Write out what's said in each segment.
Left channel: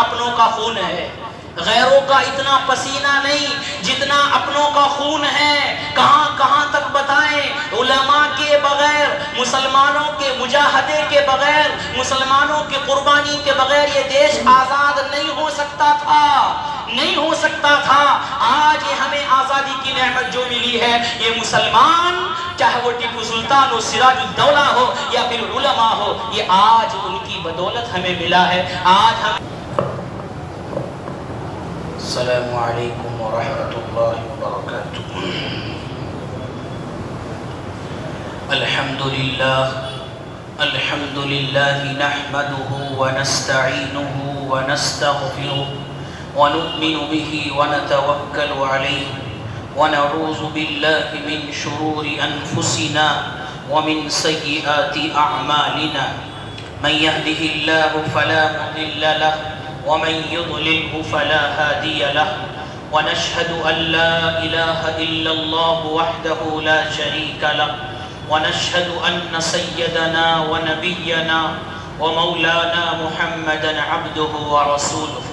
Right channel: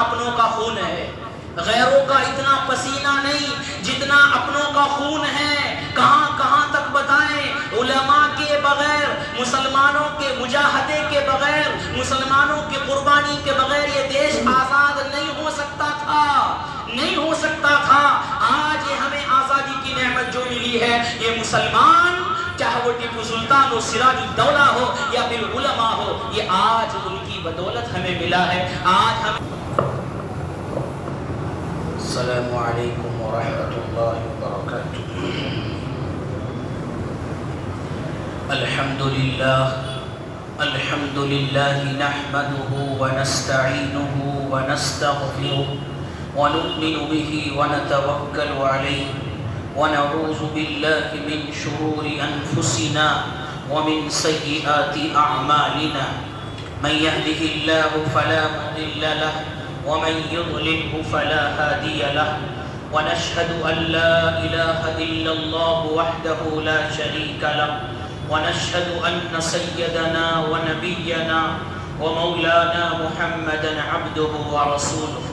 اپنوں کا خون ہے، غیروں کا اتنا پسینہ نہیں جتنا اپنوں کا خون ہے۔ کہاں کہاں تک بتائیں، علماء کے بغیر، مسلمانوں کے مجاہدے کے بغیر، مسلمانوں کی قربانی کے بغیر یہ دیش آزاد نہیں ہو سکتا تھا، نہیں ہو سکتا تھا۔ آج یہ ہمیں آزادی کی نعمت جو ملی ہے، یہ مسلمان، چاہے وہ ٹیپو سلطان ہو، سراج الدولہ ہو یا پھر علماء ہو، یہ آج ان کی بدولت ہمیں ملا ہے۔ آج ہم السلام علیکم ورحمۃ اللہ وبرکاتہ۔ الحمد للہ نحمده ونستعینه ونستغفره ونؤمن به ونتوکل علیہ ونعوذ باللہ من شرور انفسنا ومن سیئات اعمالنا، من يهده الله فلا مضل له ومن يضلله فلا هادي له، ونشهد أن لا إله إلا الله وحده لا شريك له، ونشهد أن سيدنا ونبينا ومولانا محمدا عبده ورسوله،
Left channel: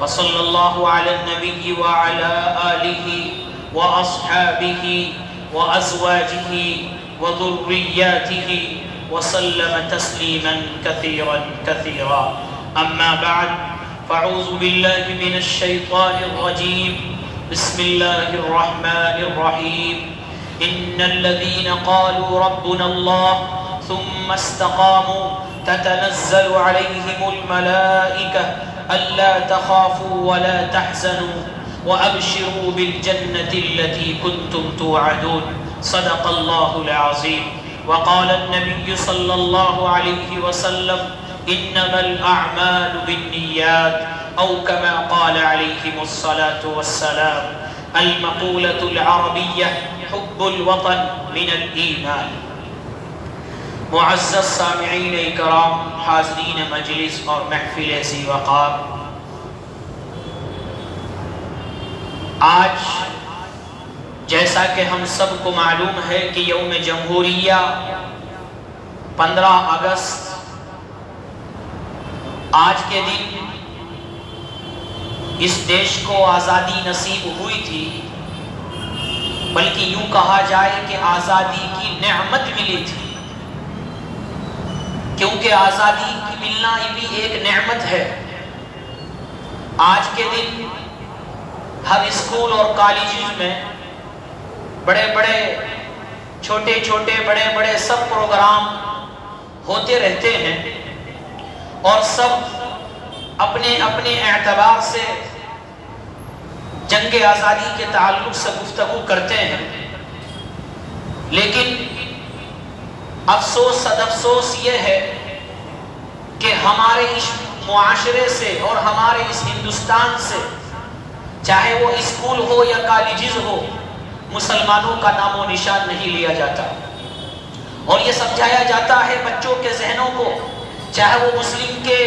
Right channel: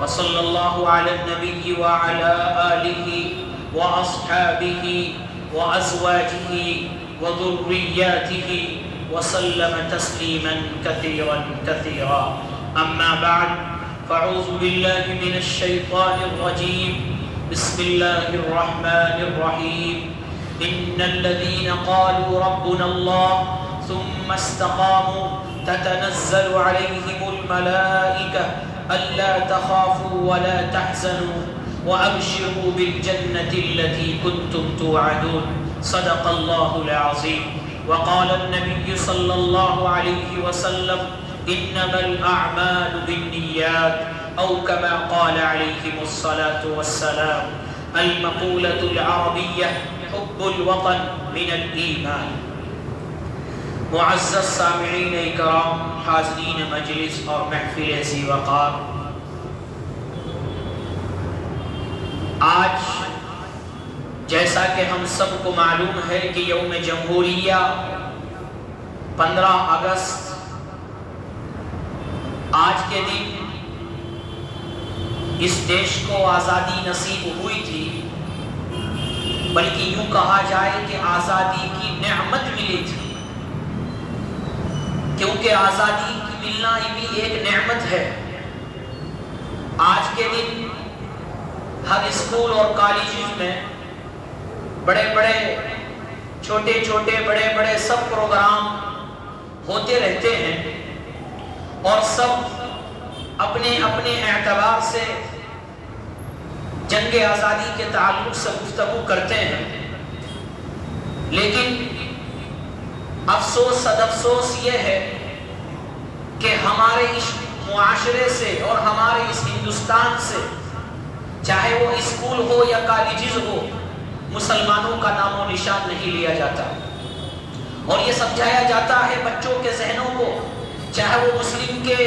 وصلى الله على النبي وعلى آله وأصحابه وأزواجه وذرياته وسلم تسليما كثيرا كثيرا، أما بعد، فاعوذ باللہ من الشیطان الرجیم، بسم اللہ الرحمن الرحیم، ان الذین قالوا ربنا اللہ ثم استقاموا تتنزل علیہم الملائکة الا تخافوا ولا تحزنوا وابشروا بالجنة التي كنتم توعدون، صدق اللہ العظیم۔ وقال النبی صلی اللہ علیہ وسلم انما الاعمال بالنیات، او کما قال علیہم الصلاة والسلام، المقولة العربیہ حب الوطن من الایمان۔ معزز سامعین اکرام، حاضرین مجلس اور محفل ذی وقار، آج جیسا کہ ہم سب کو معلوم ہے کہ یوم جمہوریہ 15 اگست، آج کے دن اس دیش کو آزادی نصیب ہوئی تھی، بلکہ یوں کہا جائے کہ آزادی کی نعمت ملی تھی، کیونکہ آزادی کی ملنا بھی ایک نعمت ہے۔ آج کے دن ہر اسکول اور کالجز میں بڑے بڑے چھوٹے چھوٹے بڑے بڑے سب پروگرام ہوتے رہتے ہیں، اور سب اپنے اپنے اعتبار سے جنگ آزادی کے تعلق سے گفتگو کرتے ہیں، لیکن افسوس صد افسوس یہ ہے کہ ہمارے اس معاشرے سے اور ہمارے اس ہندوستان سے، چاہے وہ اسکول ہو یا کالجز ہو، مسلمانوں کا نام و نشان نہیں لیا جاتا، اور یہ سمجھایا جاتا ہے بچوں کے ذہنوں کو، چاہے وہ مسلم کے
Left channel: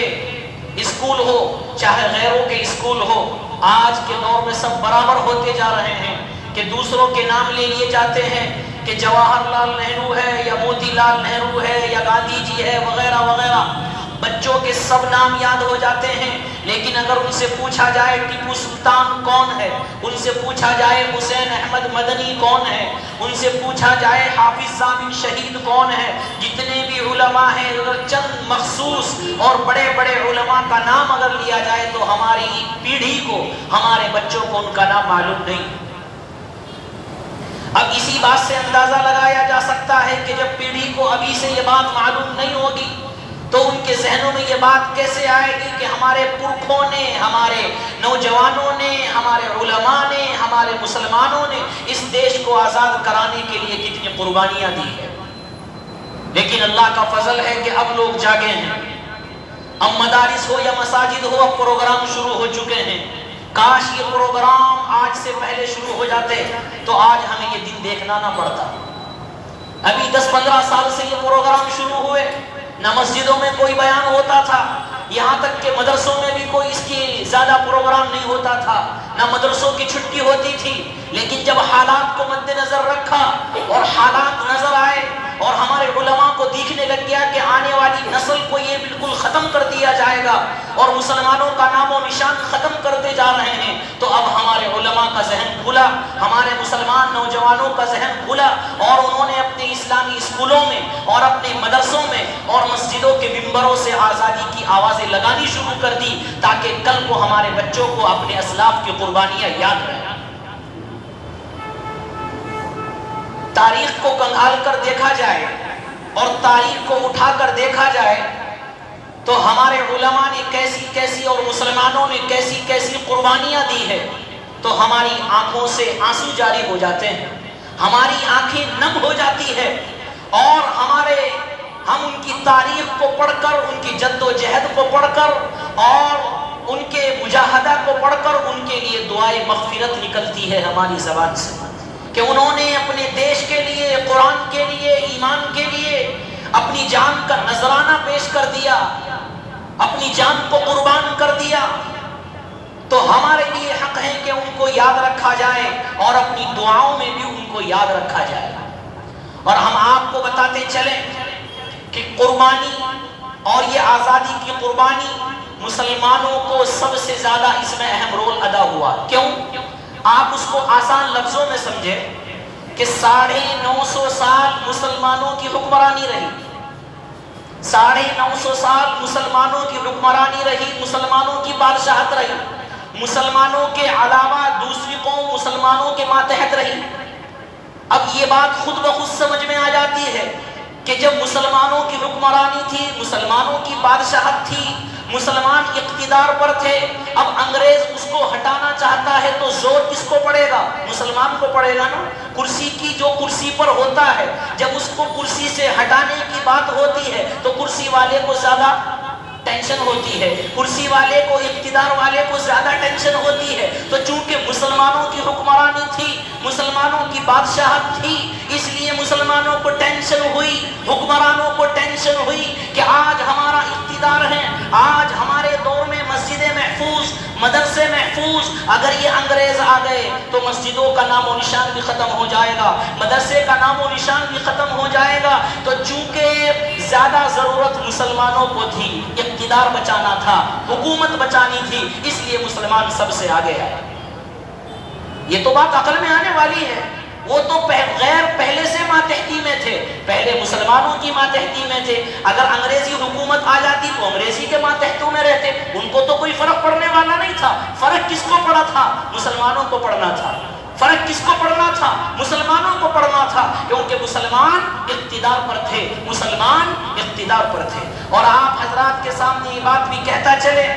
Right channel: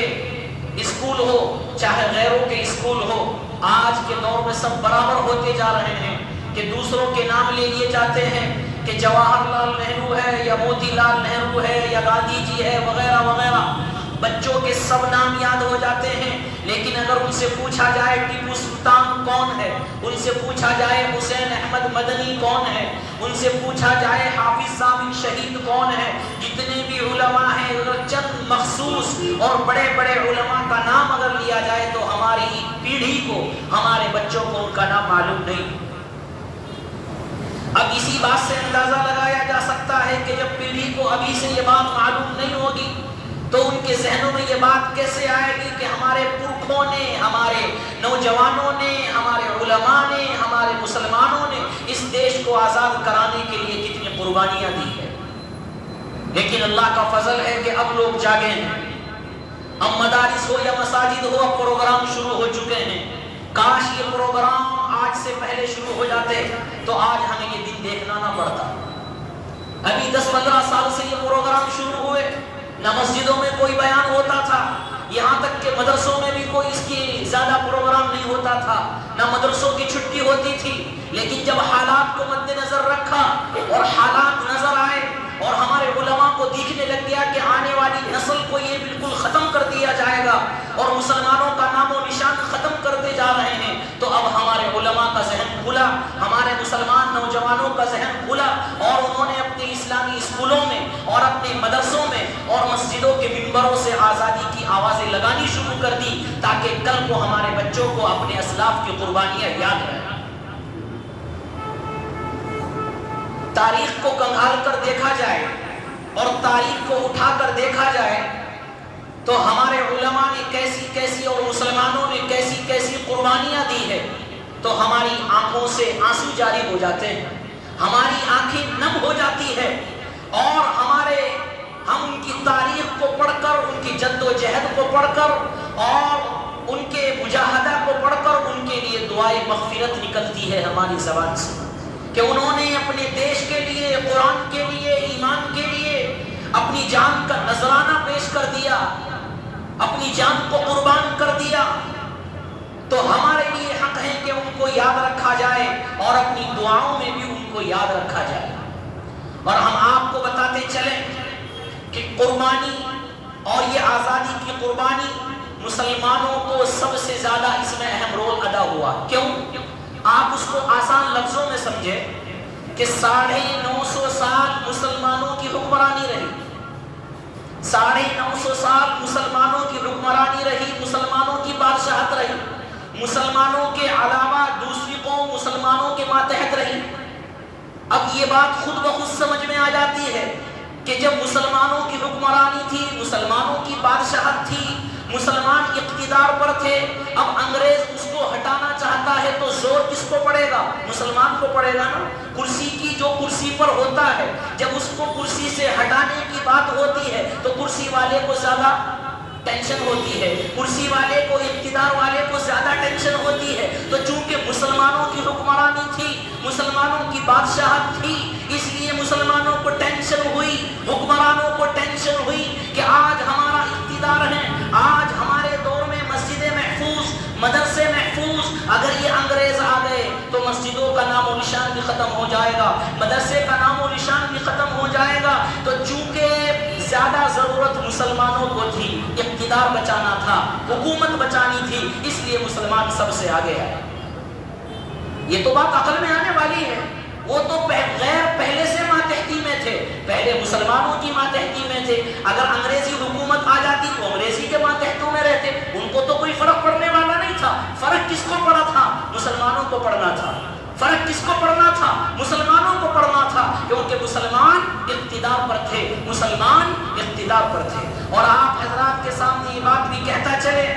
اسکول ہو چاہے غیروں کے اسکول ہو، آج کے دور میں سب برابر ہوتے جا رہے ہیں، کہ دوسروں کے نام لے لیے جاتے ہیں کہ جواہر لال نہرو ہے یا موتی لال نہرو ہے یا گاندھی جی ہے وغیرہ وغیرہ، بچوں کے سب نام یاد ہو جاتے ہیں، لیکن اگر ان سے پوچھا جائے ٹیپو سلطان کون ہے، ان سے پوچھا جائے حسین احمد مدنی کون ہے، ان سے پوچھا جائے حافظ ضامن شہید کون ہے، جتنے بھی علماء ہیں، چند مخصوص اور بڑے بڑے علماء کا نام اگر لیا جائے تو ہماری پیڑھی کو، ہمارے بچوں کو ان کا نام معلوم نہیں۔ اب اسی بات سے اندازہ لگایا جا سکتا ہے کہ جب پیڑھی کو ابھی سے یہ بات معلوم نہیں ہوگی تو ان کے ذہنوں میں یہ بات کیسے آئے گی کہ ہمارے پرکھوں نے، ہمارے نوجوانوں نے، ہمارے علماء نے، ہمارے مسلمانوں نے اس دیش کو آزاد کرانے کے لیے کتنی قربانیاں دی ہیں۔ لیکن اللہ کا فضل ہے کہ اب لوگ جاگے ہیں، اب مدارس ہو یا مساجد ہو، اب پروگرام شروع ہو چکے ہیں۔ کاش یہ پروگرام آج سے پہلے شروع ہو جاتے تو آج ہمیں یہ دن دیکھنا نہ پڑتا۔ ابھی 10-15 سال سے یہ پروگرام شروع ہوئے، نہ مسجدوں میں کوئی بیان ہوتا تھا، یہاں تک کہ مدرسوں میں بھی کوئی اس کی زیادہ پروگرام نہیں ہوتا تھا، نہ مدرسوں کی چھٹی ہوتی تھی۔ لیکن جب حالات کو مد نظر رکھا اور حالات نظر آئے اور ہمارے علماء کو دیکھنے لگ گیا کہ آنے والی نسل کو یہ بالکل ختم کر دیا جائے گا اور مسلمانوں کا نام و نشان ختم کرتے جا رہے ہیں، تو اب ہمارے علماء کا ذہن کھلا، ہمارے مسلمان نوجوانوں کا ذہن کھلا، اور انہوں نے اپنے اسلامی اسکولوں میں اور اپنے مدرسوں میں اور مسجدوں کے ممبروں سے آزادی کی آوازیں لگانی شروع کر دی، تاکہ کل کو ہمارے بچوں کو اپنے اسلاف کی قربانیاں یاد رہیں۔ تاریخ کو کنگال کر دیکھا جائے اور تاریخ کو اٹھا کر دیکھا جائے تو ہمارے علماء نے کیسی کیسی اور مسلمانوں نے کیسی کیسی قربانیاں دی ہے، تو ہماری آنکھوں سے آنسو جاری ہو جاتے ہیں، ہماری آنکھیں نم ہو جاتی ہے، اور ہم ان کی تاریخ کو پڑھ کر، ان کی جد و جہد کو پڑھ کر اور ان کے مجاہدہ کو پڑھ کر ان کے لیے دعائے مغفرت نکلتی ہے ہماری زبان سے، کہ انہوں نے اپنے دیش کے لیے، قرآن کے لیے، ایمان کے لیے اپنی جان کا نذرانہ پیش کر دیا، اپنی جان کو قربان کر دیا۔ تو ہمارے لیے حق ہے کہ ان کو یاد رکھا جائے اور اپنی دعاؤں میں بھی ان کو یاد رکھا جائے۔ اور ہم آپ کو بتاتے چلیں کہ قربانی اور یہ آزادی کی قربانی مسلمانوں کو سب سے زیادہ اس میں اہم رول ادا ہوا۔ کیوں؟ آپ اس کو آسان لفظوں میں سمجھیں کہ 950 سال مسلمانوں کی حکمرانی رہی، 950 سال مسلمانوں کی حکمرانی رہی، مسلمانوں کی بادشاہت رہی، مسلمانوں کے علاوہ دوسری قوم مسلمانوں کے ماتحت رہی۔ اب یہ بات خود بخود سمجھ میں آ جاتی ہے کہ جب مسلمانوں کی حکمرانی تھی، مسلمانوں کی بادشاہت تھی، مسلمان اقتدار پر تھے، اب انگریز اس کو ہٹانا چاہتا ہے تو زور کس کو پڑے گا؟ مسلمان کو پڑے گا نا۔ کرسی کی جو کرسی پر ہوتا ہے، جب اس کو کرسی سے ہٹانے کی بات ہوتی ہے تو کرسی والے کو زیادہ ٹینشن ہوتی ہے، کرسی والے کو، اقتدار والے کو زیادہ ٹینشن ہوتی ہے۔ تو چونکہ مسلمانوں کی حکمرانی تھی، مسلمانوں کی بادشاہت تھی، اس لیے مسلمانوں کو ٹینشن ہوئی، حکمرانوں کو ٹینشن ہوئی کہ آج ہمارا اقتدار ہے، آج ہمارے دور میں مسجدیں محفوظ، مدرسے محفوظ، اگر یہ انگریز آ گئے تو مسجدوں کا نام و نشان بھی ختم ہو جائے گا، مدرسے کا نام و نشان بھی ختم ہو جائے گا۔ تو چونکہ زیادہ ضرورت مسلمانوں کو تھی، اقتدار بچانا تھا، حکومت بچانی تھی، اس لیے مسلمان سب سے آگے آئے۔ یہ تو بات عقل میں آنے والی ہے۔ وہ تو غیر پہلے سے ماتحتی میں تھے، پہلے مسلمانوں کی ماتحتی میں تھے، اگر انگریزی حکومت آ جاتی تو انگریزی کے ماتحتوں میں رہتے، ان کو تو کوئی فرق پڑنے والا نہیں تھا۔ فرق کس کو پڑا تھا؟ مسلمانوں کو پڑنا تھا۔ فرق کس کو پڑنا تھا؟ مسلمانوں کو پڑنا تھا، کیونکہ مسلمان اقتدار پر تھے، مسلمان اقتدار پر تھے۔ اور آپ حضرات کے سامنے یہ بات بھی کہتا چلے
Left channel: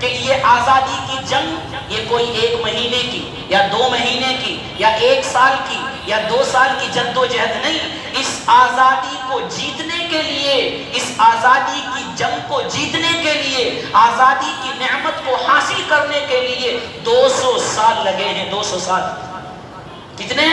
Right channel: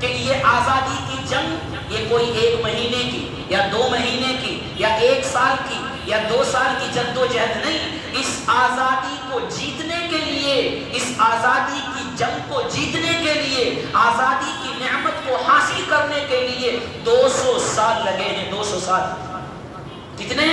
کہ یہ آزادی کی جنگ یہ کوئی 1 مہینے کی یا 2 مہینے کی یا 1 سال کی یا 2 سال کی جد و جہد نہیں، اس آزادی کو جیتنے کے لیے، اس آزادی کی جنگ کو جیتنے کے لیے، آزادی کی نعمت کو حاصل کرنے کے لیے 200 سال لگے ہیں۔ 200 سال کتنے؟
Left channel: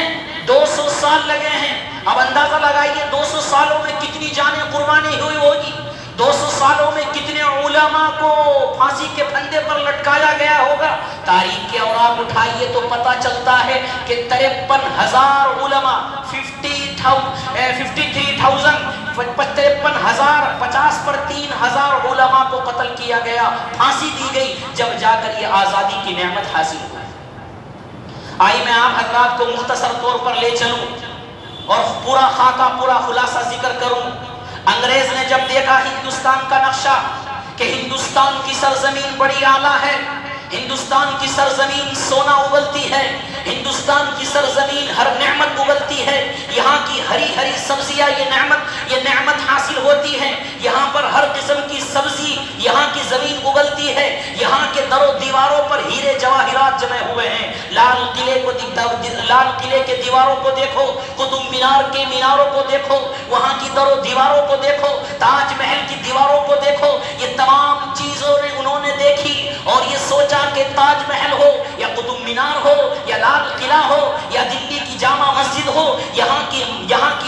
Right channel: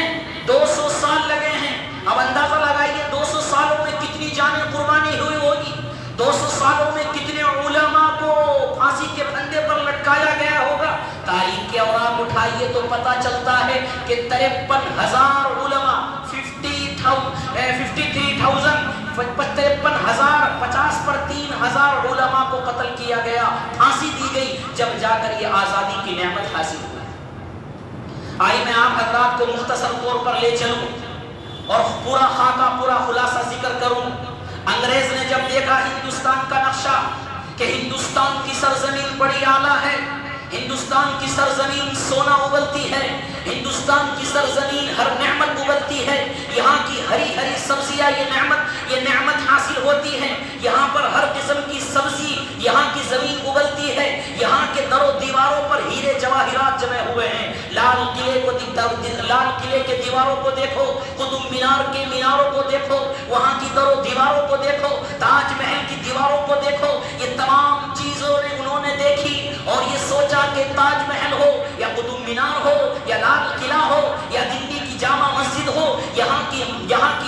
200 سال لگے ہیں۔ اب اندازہ لگائیے 200 سالوں میں کتنی جانیں قربانی ہوئی ہوگی، 200 سالوں میں کتنے علماء کو پھانسی کے پھندے پر لٹکایا گیا ہوگا۔ تاریخ کے اوراق اٹھائیے تو پتہ چلتا ہے کہ 53,000 علماء، 53,000 50 پر 3,000 علماء کو قتل کیا گیا، پھانسی دی گئی، جب جا کر یہ آزادی کی نعمت حاصل ہوئی۔ آئی میں آپ حضرات کو مختصر طور پر لے چلوں اور پورا خاکہ، پورا خلاصہ ذکر کروں۔ انگریز نے جب دیکھا ہندوستان کا نقشہ کہ ہندوستان کی سرزمین بڑی اعلیٰ ہے، ہندوستان کی سرزمین سونا اگلتی ہے، ہندوستان کی سرزمین ہر نعمت اگلتی ہے، یہاں کی ہری ہری سبزیاں یہ نعمت حاصل ہوتی ہے، یہاں پر ہر قسم کی سبزی یہاں کی زمین اگلتی ہے، یہاں کے در و دیواروں پر ہیرے جواہرات جمع ہوئے ہیں۔ لال قلعے کے دیواروں کو دیکھو، قطب مینار کے میناروں کو دیکھو، وہاں کی در و دیواروں کو دیکھو، تاج محل کی دیواروں کو دیکھو، یہ تمام چیزوں نے انہوں نے دیکھی اور یہ سوچا کہ تاج محل ہو یا قطب مینار ہو یا لال قلعہ ہو یا دلی کی جامع مسجد ہو، یہاں کی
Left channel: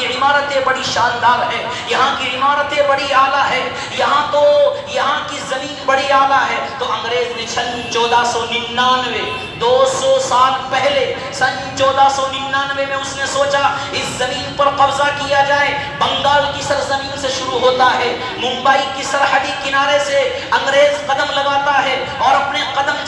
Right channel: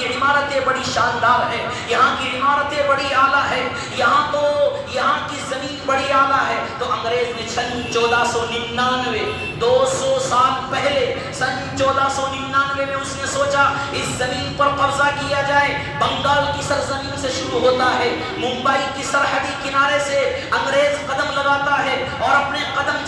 عمارتیں بڑی شاندار ہے، یہاں کی عمارتیں بڑی اعلیٰ ہے، یہاں کی زمین بڑی اعلیٰ ہے۔ تو انگریز نے 1499 200 سال پہلے 1499 میں اس نے سوچا اس زمین پر قبضہ کیا جائے۔ بنگال کی سرزمین سے شروع ہوتا ہے، ممبئی کی سرحدی کنارے سے انگریز قدم لگاتا ہے اور اپنے قدم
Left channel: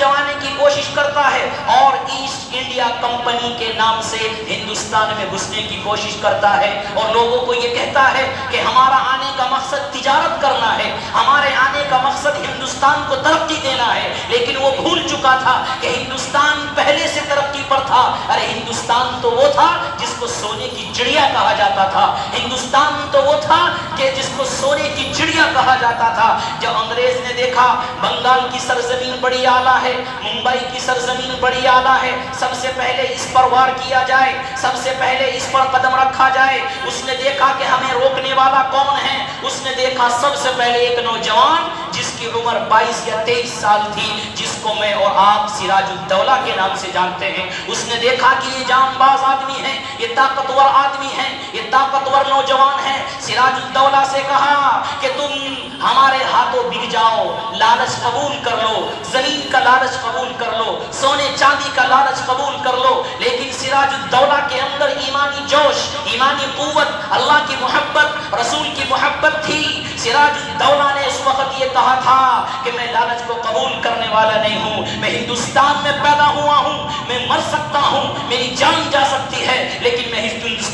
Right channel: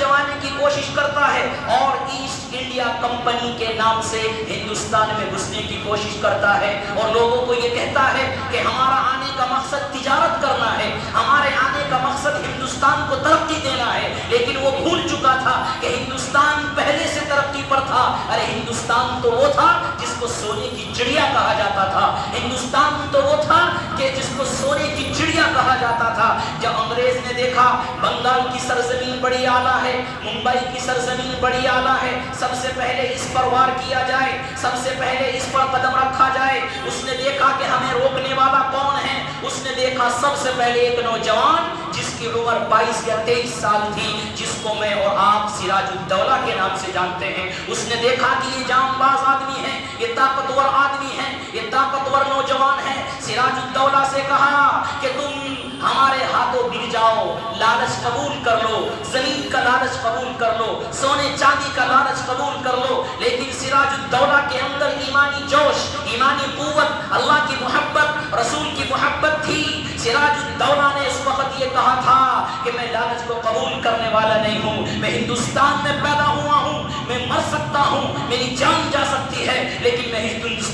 کرتا ہے اور ایسٹ انڈیا کمپنی کے نام سے ہندوستان میں گھسنے کی کوشش کرتا ہے اور لوگوں کو یہ کہتا ہے کہ ہمارا آنے کا مقصد تجارت کرنا ہے، ہمارے آنے کا مقصد ہندوستان کو ترقی دینا ہے، لیکن وہ بھول چکا تھا کہ ہندوستان پہلے سے ترقی پر تھا۔ ارے ہندوستان تو وہ تھا جس کو سونے کی چڑیا کہا جاتا تھا، ہندوستان تو وہ تھا کہ جس کو سونے کی چڑیا کہا جاتا تھا۔ جب انگریز نے دیکھا بنگال کی سرزمین بڑی اعلیٰ ہے، ممبئی کی سرزمین بڑی اعلیٰ ہے، سب سے پہلے اس پر وار کیا جائے، سب سے پہلے اس پر قدم رکھا جائے، اس نے دیکھا کہ ہمیں روکنے والا کون ہے؟ اس نے دیکھا سب سے پہلے ایک نوجوان جس کی عمر 22 یا 23 سال تھی، جس کو میں اور آپ سراج الدولہ کے نام سے جانتے ہیں۔ اس نے دیکھا کہ یہ جام باز آدمی ہے، یہ طاقتور آدمی ہے، یہ طاقتور نوجوان ہے۔ سراج الدولہ سے کہا کہ تم ہمارے ہاتھوں بک جاؤ، لالچ قبول کر لو، زمین کا لالچ قبول کر لو، سونے چاندی کا لالچ قبول کر لو، لیکن سراج الدولہ کے اندر ایمانی جوش، ایمانی قوت، اللہ کی محبت، رسول کی محبت تھی۔ سراج الدولہ نے اس وقت یہ کہا تھا کہ میں لالچ کو قبول کرنے والا نہیں ہوں، میں ہندوستان میں پیدا ہوا ہوں، میں مر سکتا ہوں، میری جان جا سکتی ہے، لیکن میں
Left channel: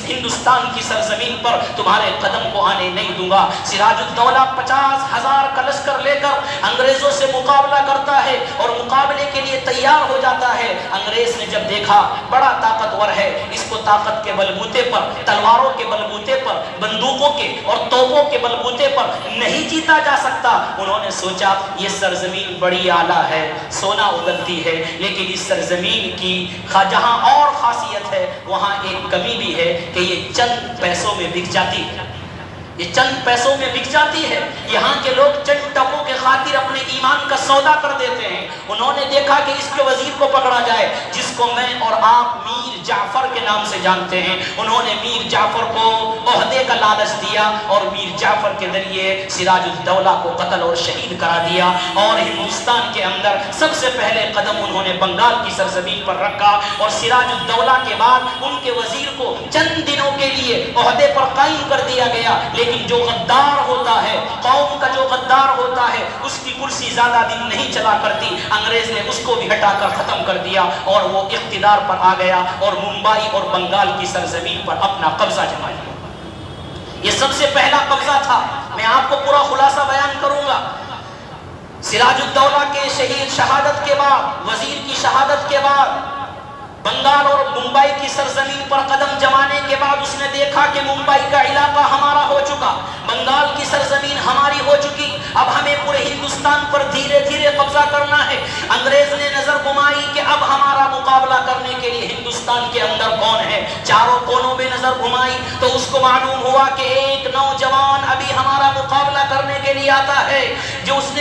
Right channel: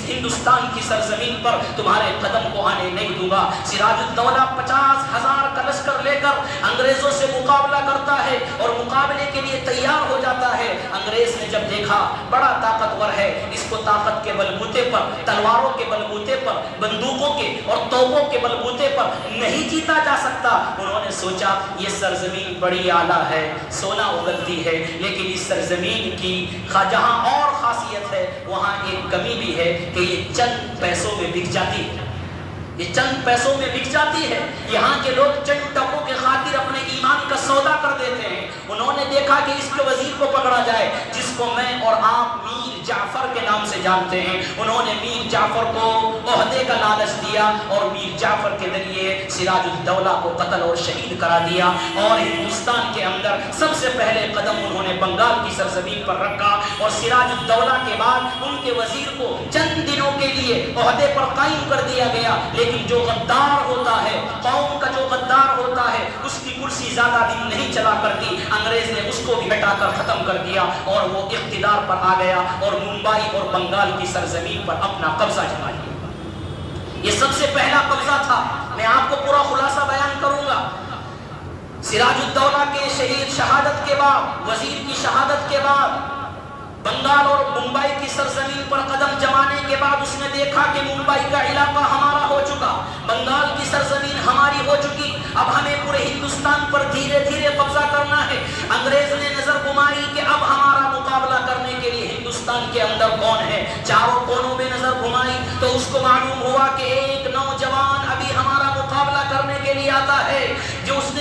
ہندوستان کی سرزمین پر تمہارے قدم کو آنے نہیں دوں گا۔ سراج الدولہ 50,000 کا لشکر لے کر انگریزوں سے مقابلہ کرتا ہے اور مقابلے کے لیے تیار ہو جاتا ہے۔ انگریز نے جب دیکھا بڑا طاقتور ہے، اس کو طاقت کے بلبوتے پر، تلواروں کے بلبوتے پر، بندوقوں کے اور توپوں کے بلبوتے پر نہیں جیتا جا سکتا، انہوں نے سوچا یہ سرزمین بڑی اعلیٰ ہے، سونا اگلتی ہے، لیکن اس سرزمین کی جہاں اور خاصیت ہے وہاں ایک کمی بھی ہے کہ یہ چند پیسوں میں بک جاتی ہے، یہ چند پیسوں میں بک جاتی ہے۔ یہاں کے لوگ چند ٹکوں کے خاطر اپنے ایمان کا سودا کر دیتے ہیں۔ انہوں نے دیکھا کہ اس کے وزیر کو پکڑا جائے، جس کو میں اور آپ میر جعفر کے نام سے جانتے ہیں۔ انہوں نے میر جعفر کو عہدے کا لالچ دیا اور میر جعفر کے ذریعے سراج الدولہ کو قتل اور شہید کرا دیا، اور ہندوستان کے اندر سب سے پہلے قدم انہوں نے بنگال کی سرزمین پر رکھا، اور سراج الدولہ کے بعد ان کے وزیر کو چند دنوں کے لیے عہدے پر قائم کر دیا گیا، لیکن جو غدار ہوتا ہے، قوم کا جو غدار ہوتا ہے، اس کی کرسی زیادہ دن نہیں چلا کرتی۔ انگریز نے اس کو بھی ہٹا کر ختم کر دیا اور وہ اقتدار پر آ گیا اور ممبئی اور بنگال کی سرزمین پر اپنا قبضہ جما لیا۔ یہ سب سے پہلا قبضہ تھا۔ میں آپ کو پورا خلاصہ بیان کروں گا۔ سراج الدولہ کے شہادت کے بعد، وزیر کی شہادت کے بعد، بنگال اور ممبئی کی سرزمین پر قدم جمانے کے بعد اس نے دیکھا کہ ممبئی کا علاقہ ہمارا ہو چکا، بنگال کی سرزمین ہماری ہو چکی، اب ہمیں پورے ہندوستان پر دھیرے دھیرے قبضہ کرنا ہے۔ انگریز نے نظر گھمائی کہ اب ہمارا مقابلہ کرنے کے لیے ہندوستان کے اندر کون ہے، چاروں کونوں میں نظر گھمائی تو اس کو معلوم ہوا کہ ایک نوجوان ابھی ہمارا مقابلہ کرنے کے لیے آتا ہے، جو اس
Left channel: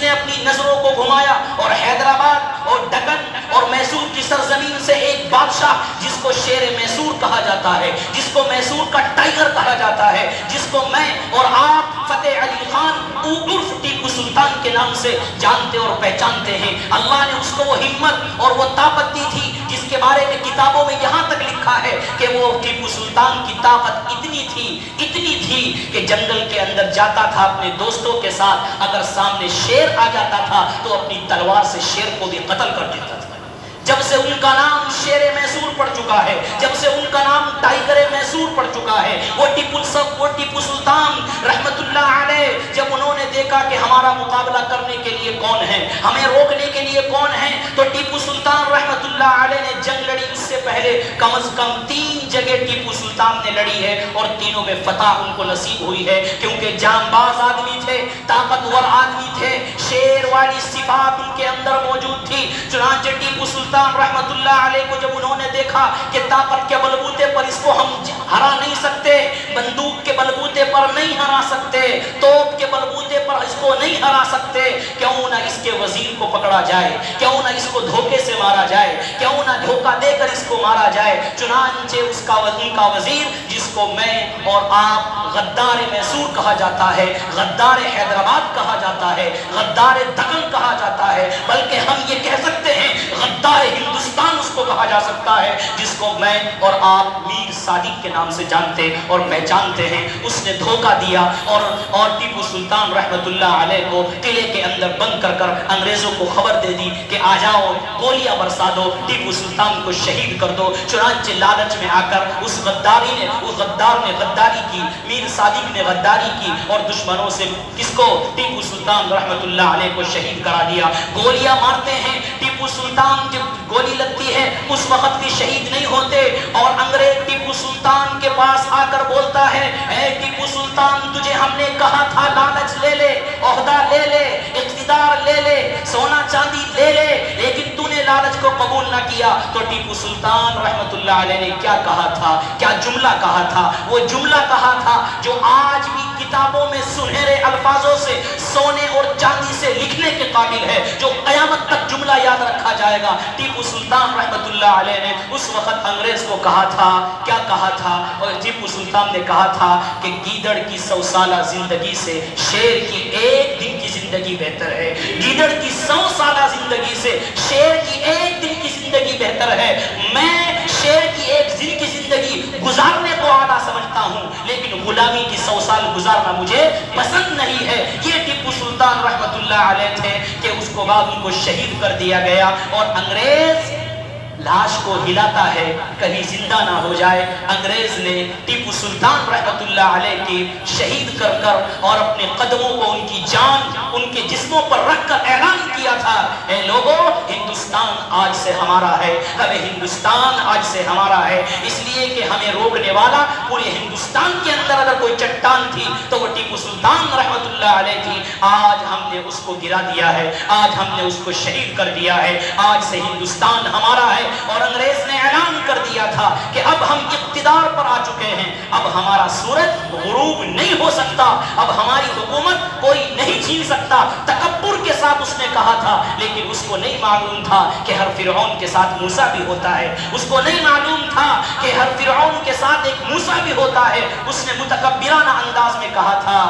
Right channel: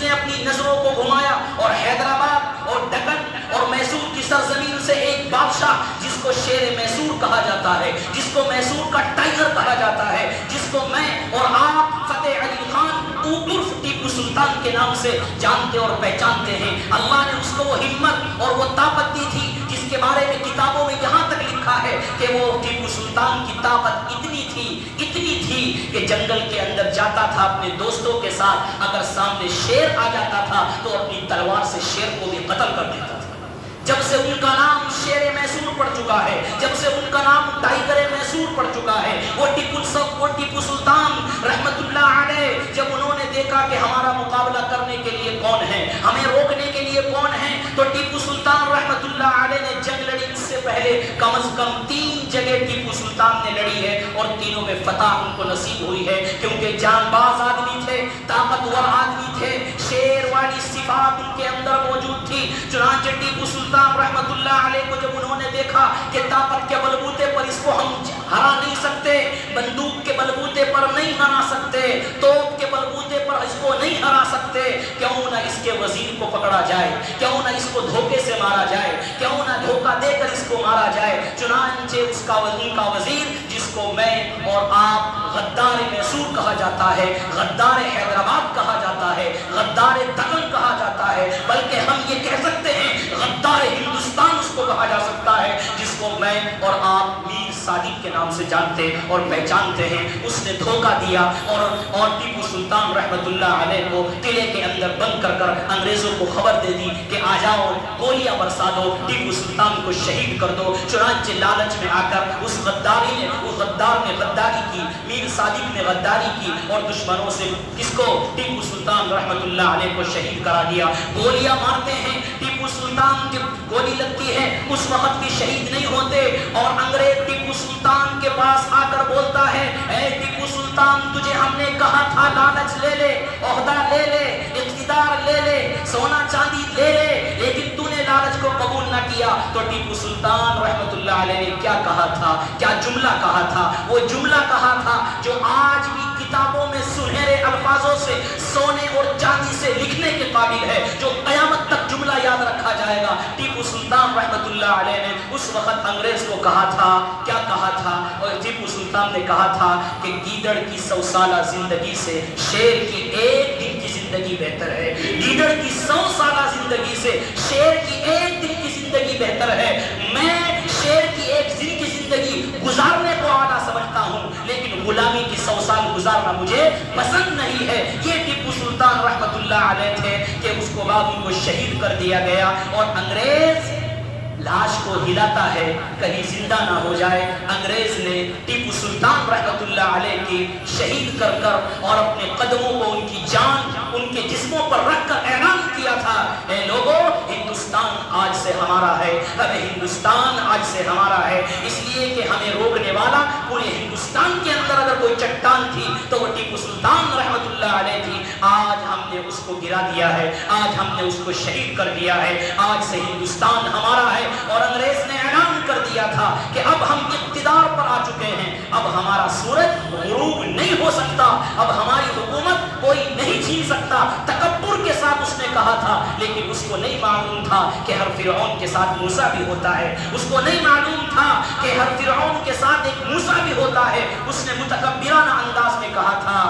نے اپنی نظروں کو گھمایا اور حیدرآباد اور دکن اور میسور کی سرزمین سے ایک بادشاہ جس کو شیر میسور کہا جاتا ہے، جس کو میسور کا ٹائگر کہا جاتا ہے، جس کو میں اور آپ فتح علی خان عرف ٹیپو سلطان کے نام سے جانتے اور پہچانتے ہیں، اللہ نے اس کو وہ ہمت اور وہ طاقت دی تھی جس کے بارے میں کتابوں میں یہاں تک لکھا ہے کہ وہ ٹیپو سلطان کی طاقت اتنی تھی کہ جنگل کے اندر جاتا تھا اپنے دوستوں کے ساتھ، اگر سامنے شیر آ جاتا تھا تو اپنی تلوار سے شیر کو بھی قتل کر دیتا تھا۔ جب سے ان کا نام شیر میسور پڑ چکا ہے، جب سے ان کا نام ٹائگر میسور پڑ چکا ہے، وہ ٹیپو سلطان رحمت اللہ علیہ جب انہوں نے دیکھا کہ ہمارا مقابلہ کرنے کے لیے کون ہے، ہمیں روکنے کے لیے کون ہے، تو ٹیپو سلطان رحمت اللہ علیہ نے جنگ لڑی۔ اس سے پہلے کم از کم 3 جگہ ٹیپو سلطان نے لڑی ہے اور تینوں میں فتح ان کو نصیب ہوئی ہے، کیونکہ جانباز آدمی تھے، طاقتور آدمی تھے، شیر والی صفات ان کے اندر موجود تھی۔ چنانچہ ٹیپو سلطان رحمت اللہ علیہ کو جب انہوں نے دیکھا کہ طاقت کے بلبوتے پر اس کو ہم ہرا نہیں سکتے، بندوق کے بلبوتے پر نہیں ہرا سکتے، توپ کے بلبوتے پر اس کو نہیں ہرا سکتے، کیوں نہ اس کے وزیر کو پکڑا جائے، کیوں نہ اس کو دھوکے سے مارا جائے، کیوں نہ دھوکہ دے کر اس کو مارا جائے۔ چنانچہ ان کا وزیر جس کو میں اور آپ غدار میسور کہا جاتا ہے، غدار حیدرآباد کہا جاتا ہے، غدار دکن کہا جاتا ہے، بلکہ ہم یہ کہہ سکتے ہیں غدار ہندوستان اس کو کہا جا سکتا ہے، جس کو میں اور آپ میر صادق کے نام سے جانتے اور پہچانتے ہیں. اس نے دھوکہ دیا اور ٹیپو سلطان رحمت اللہ علیہ کو قلعے کے اندر بند کر انگریزوں کو خبر دے دی کہ آ جاؤ, گولیاں برسا دو, ٹیپو سلطان کو شہید کر دو. چنانچہ لالچ میں آ کر اس غدار نے غداری کی, میر صادق نے غداری کی اور دشمنوں سے کس کو, ٹیپو سلطان رحمت اللہ علیہ کو شہید کرا دیا. گولیاں مارتے ہیں, ٹیپو سلطان جب گولی لگتی ہے اس وقت بھی شہید نہیں ہوتے, اور انگریز ٹیپو سلطان کے پاس آ کر بولتا ہے, اے ٹیپو سلطان تجھے ہم نے کہا تھا لالچ لے لے, عہدہ لے لے, اقتدار لے لے, سونا چاندی لے لے, لیکن تو نے لالچ کو قبول نہ کیا. تو ٹیپو سلطان رحمت اللہ علیہ نے کیا کہا تھا, کیا جملہ کہا تھا؟ وہ جملہ کہا تھا جو آج بھی کتابوں میں سنہرے الفاظوں سے, سونے اور چاندی سے لکھنے کے قابل ہے, جو قیامت تک جملہ یاد رکھا جائے گا. ٹیپو سلطان رحمت اللہ علیہ نے اس وقت انگریز کو کہا تھا, کیا کہا تھا؟ اور ٹیپو سلطان نے کہا تھا کہ گیدڑ کی 100 سالہ زندگی سے شیر کی ایک دن کی زندگی بہتر ہے. گیدڑ کی 100 سالہ زندگی سے شیر کی ایک دن کی زندگی بہتر ہے. میں شیر کی ایک دن کی زندگی گزارنے کو اعلیٰ سمجھتا ہوں, لیکن غلامی کی 100 سال گزارنا مجھے پسند نہیں ہے. یہ ٹیپو سلطان رحمت اللہ علیہ تھے کہ اس کو بعد ان کو شہید کر دیا گیا, اور انگریز لاش کو ہلاتا ہے کہیں زندہ نہ ہو جائے. انگریز نے ٹیپو سلطان رحمت اللہ علیہ کی شہید کر اور اپنے قدموں کو ان کی جان ان کے جسموں پر رکھ کر اعلان کیا تھا, اے لوگوں ہندوستان آج سے ہمارا ہے, ہمیں ہندوستان آج سے ہمارا ہے. اس لیے کہ ہمیں روکنے والا پورے ہندوستان کے اندر اگر کوئی چٹان تھی تو وہ ٹیپو سلطان رحمت اللہ علیہ تھی. آج ہم نے اس کو گرا دیا ہے, آج ہم نے اس کو شہید کر دیا ہے, آج سے ہندوستان ہمارا ہے. اور انگریز نے اعلان کر دیا تھا کہ اب ہم اقتدار پر آ چکے ہیں, اب ہمارا سورج غروب نہیں ہو سکتا, اب ہماری حکومت کوئی نہیں چھین سکتا. تکبر کے ساتھ اس نے کہا تھا, لیکن اس کو نہیں معلوم تھا کہ ہر فرعون کے ساتھ موسیٰ بھی ہوتا ہے. اس کو نہیں معلوم تھا کہ ہر فرعون کے ساتھ ایک موسیٰ بھی ہوتا ہے. اس نے متکبرانہ انداز میں کہا تھا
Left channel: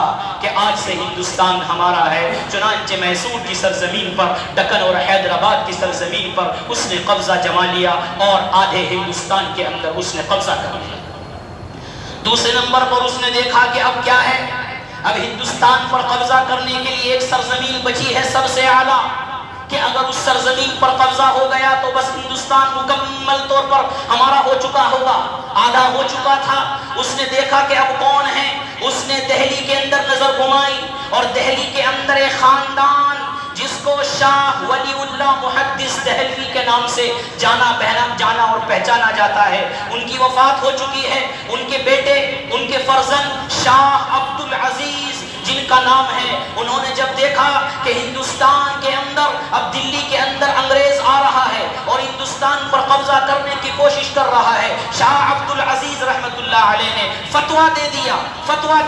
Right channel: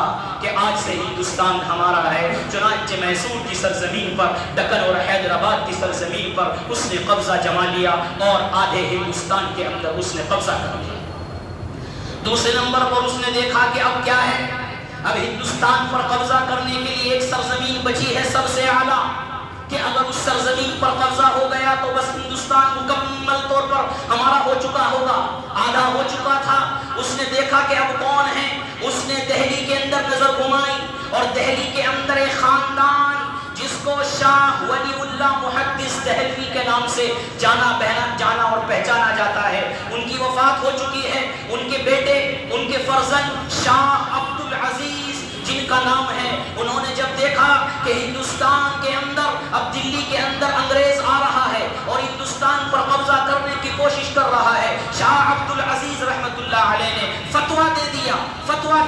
کہ آج سے ہندوستان ہمارا ہے. چنانچہ میسور کی سرزمین پر, دکن اور حیدرآباد کی سرزمین پر اس نے قبضہ جما لیا اور آدھے ہندوستان کے اندر اس نے قبضہ کر لیا. دوسرے نمبر پر اس نے دیکھا کہ اب کیا ہے, اب ہندوستان پر قبضہ کرنے کے لیے ایک سرزمین بچی ہے سب سے اعلیٰ, کہ اگر اس سرزمین پر قبضہ ہو گیا تو بس ہندوستان مکمل طور پر ہمارا ہو چکا ہوگا, آدھا ہو چکا تھا. اس نے دیکھا کہ اب کون ہے, اس نے دہلی کے اندر نظر گھمائی, اور دہلی کے اندر ایک خاندان جس کو شاہ ولی اللہ محدث دہلوی کے نام سے جانا اور پہچانا جاتا ہے, ان کی وفات ہو چکی ہے. ان کے بیٹے, ان کے فرزند شاہ عبد العزیز جن کا نام ہے, انہوں نے جب دیکھا کہ ہندوستان کے اندر, اب دلی کے اندر انگریز آ رہا ہے اور ہندوستان پر قبضہ کرنے کی کوشش کر رہا ہے, شاہ عبد العزیز رحمت اللہ علیہ نے فتویٰ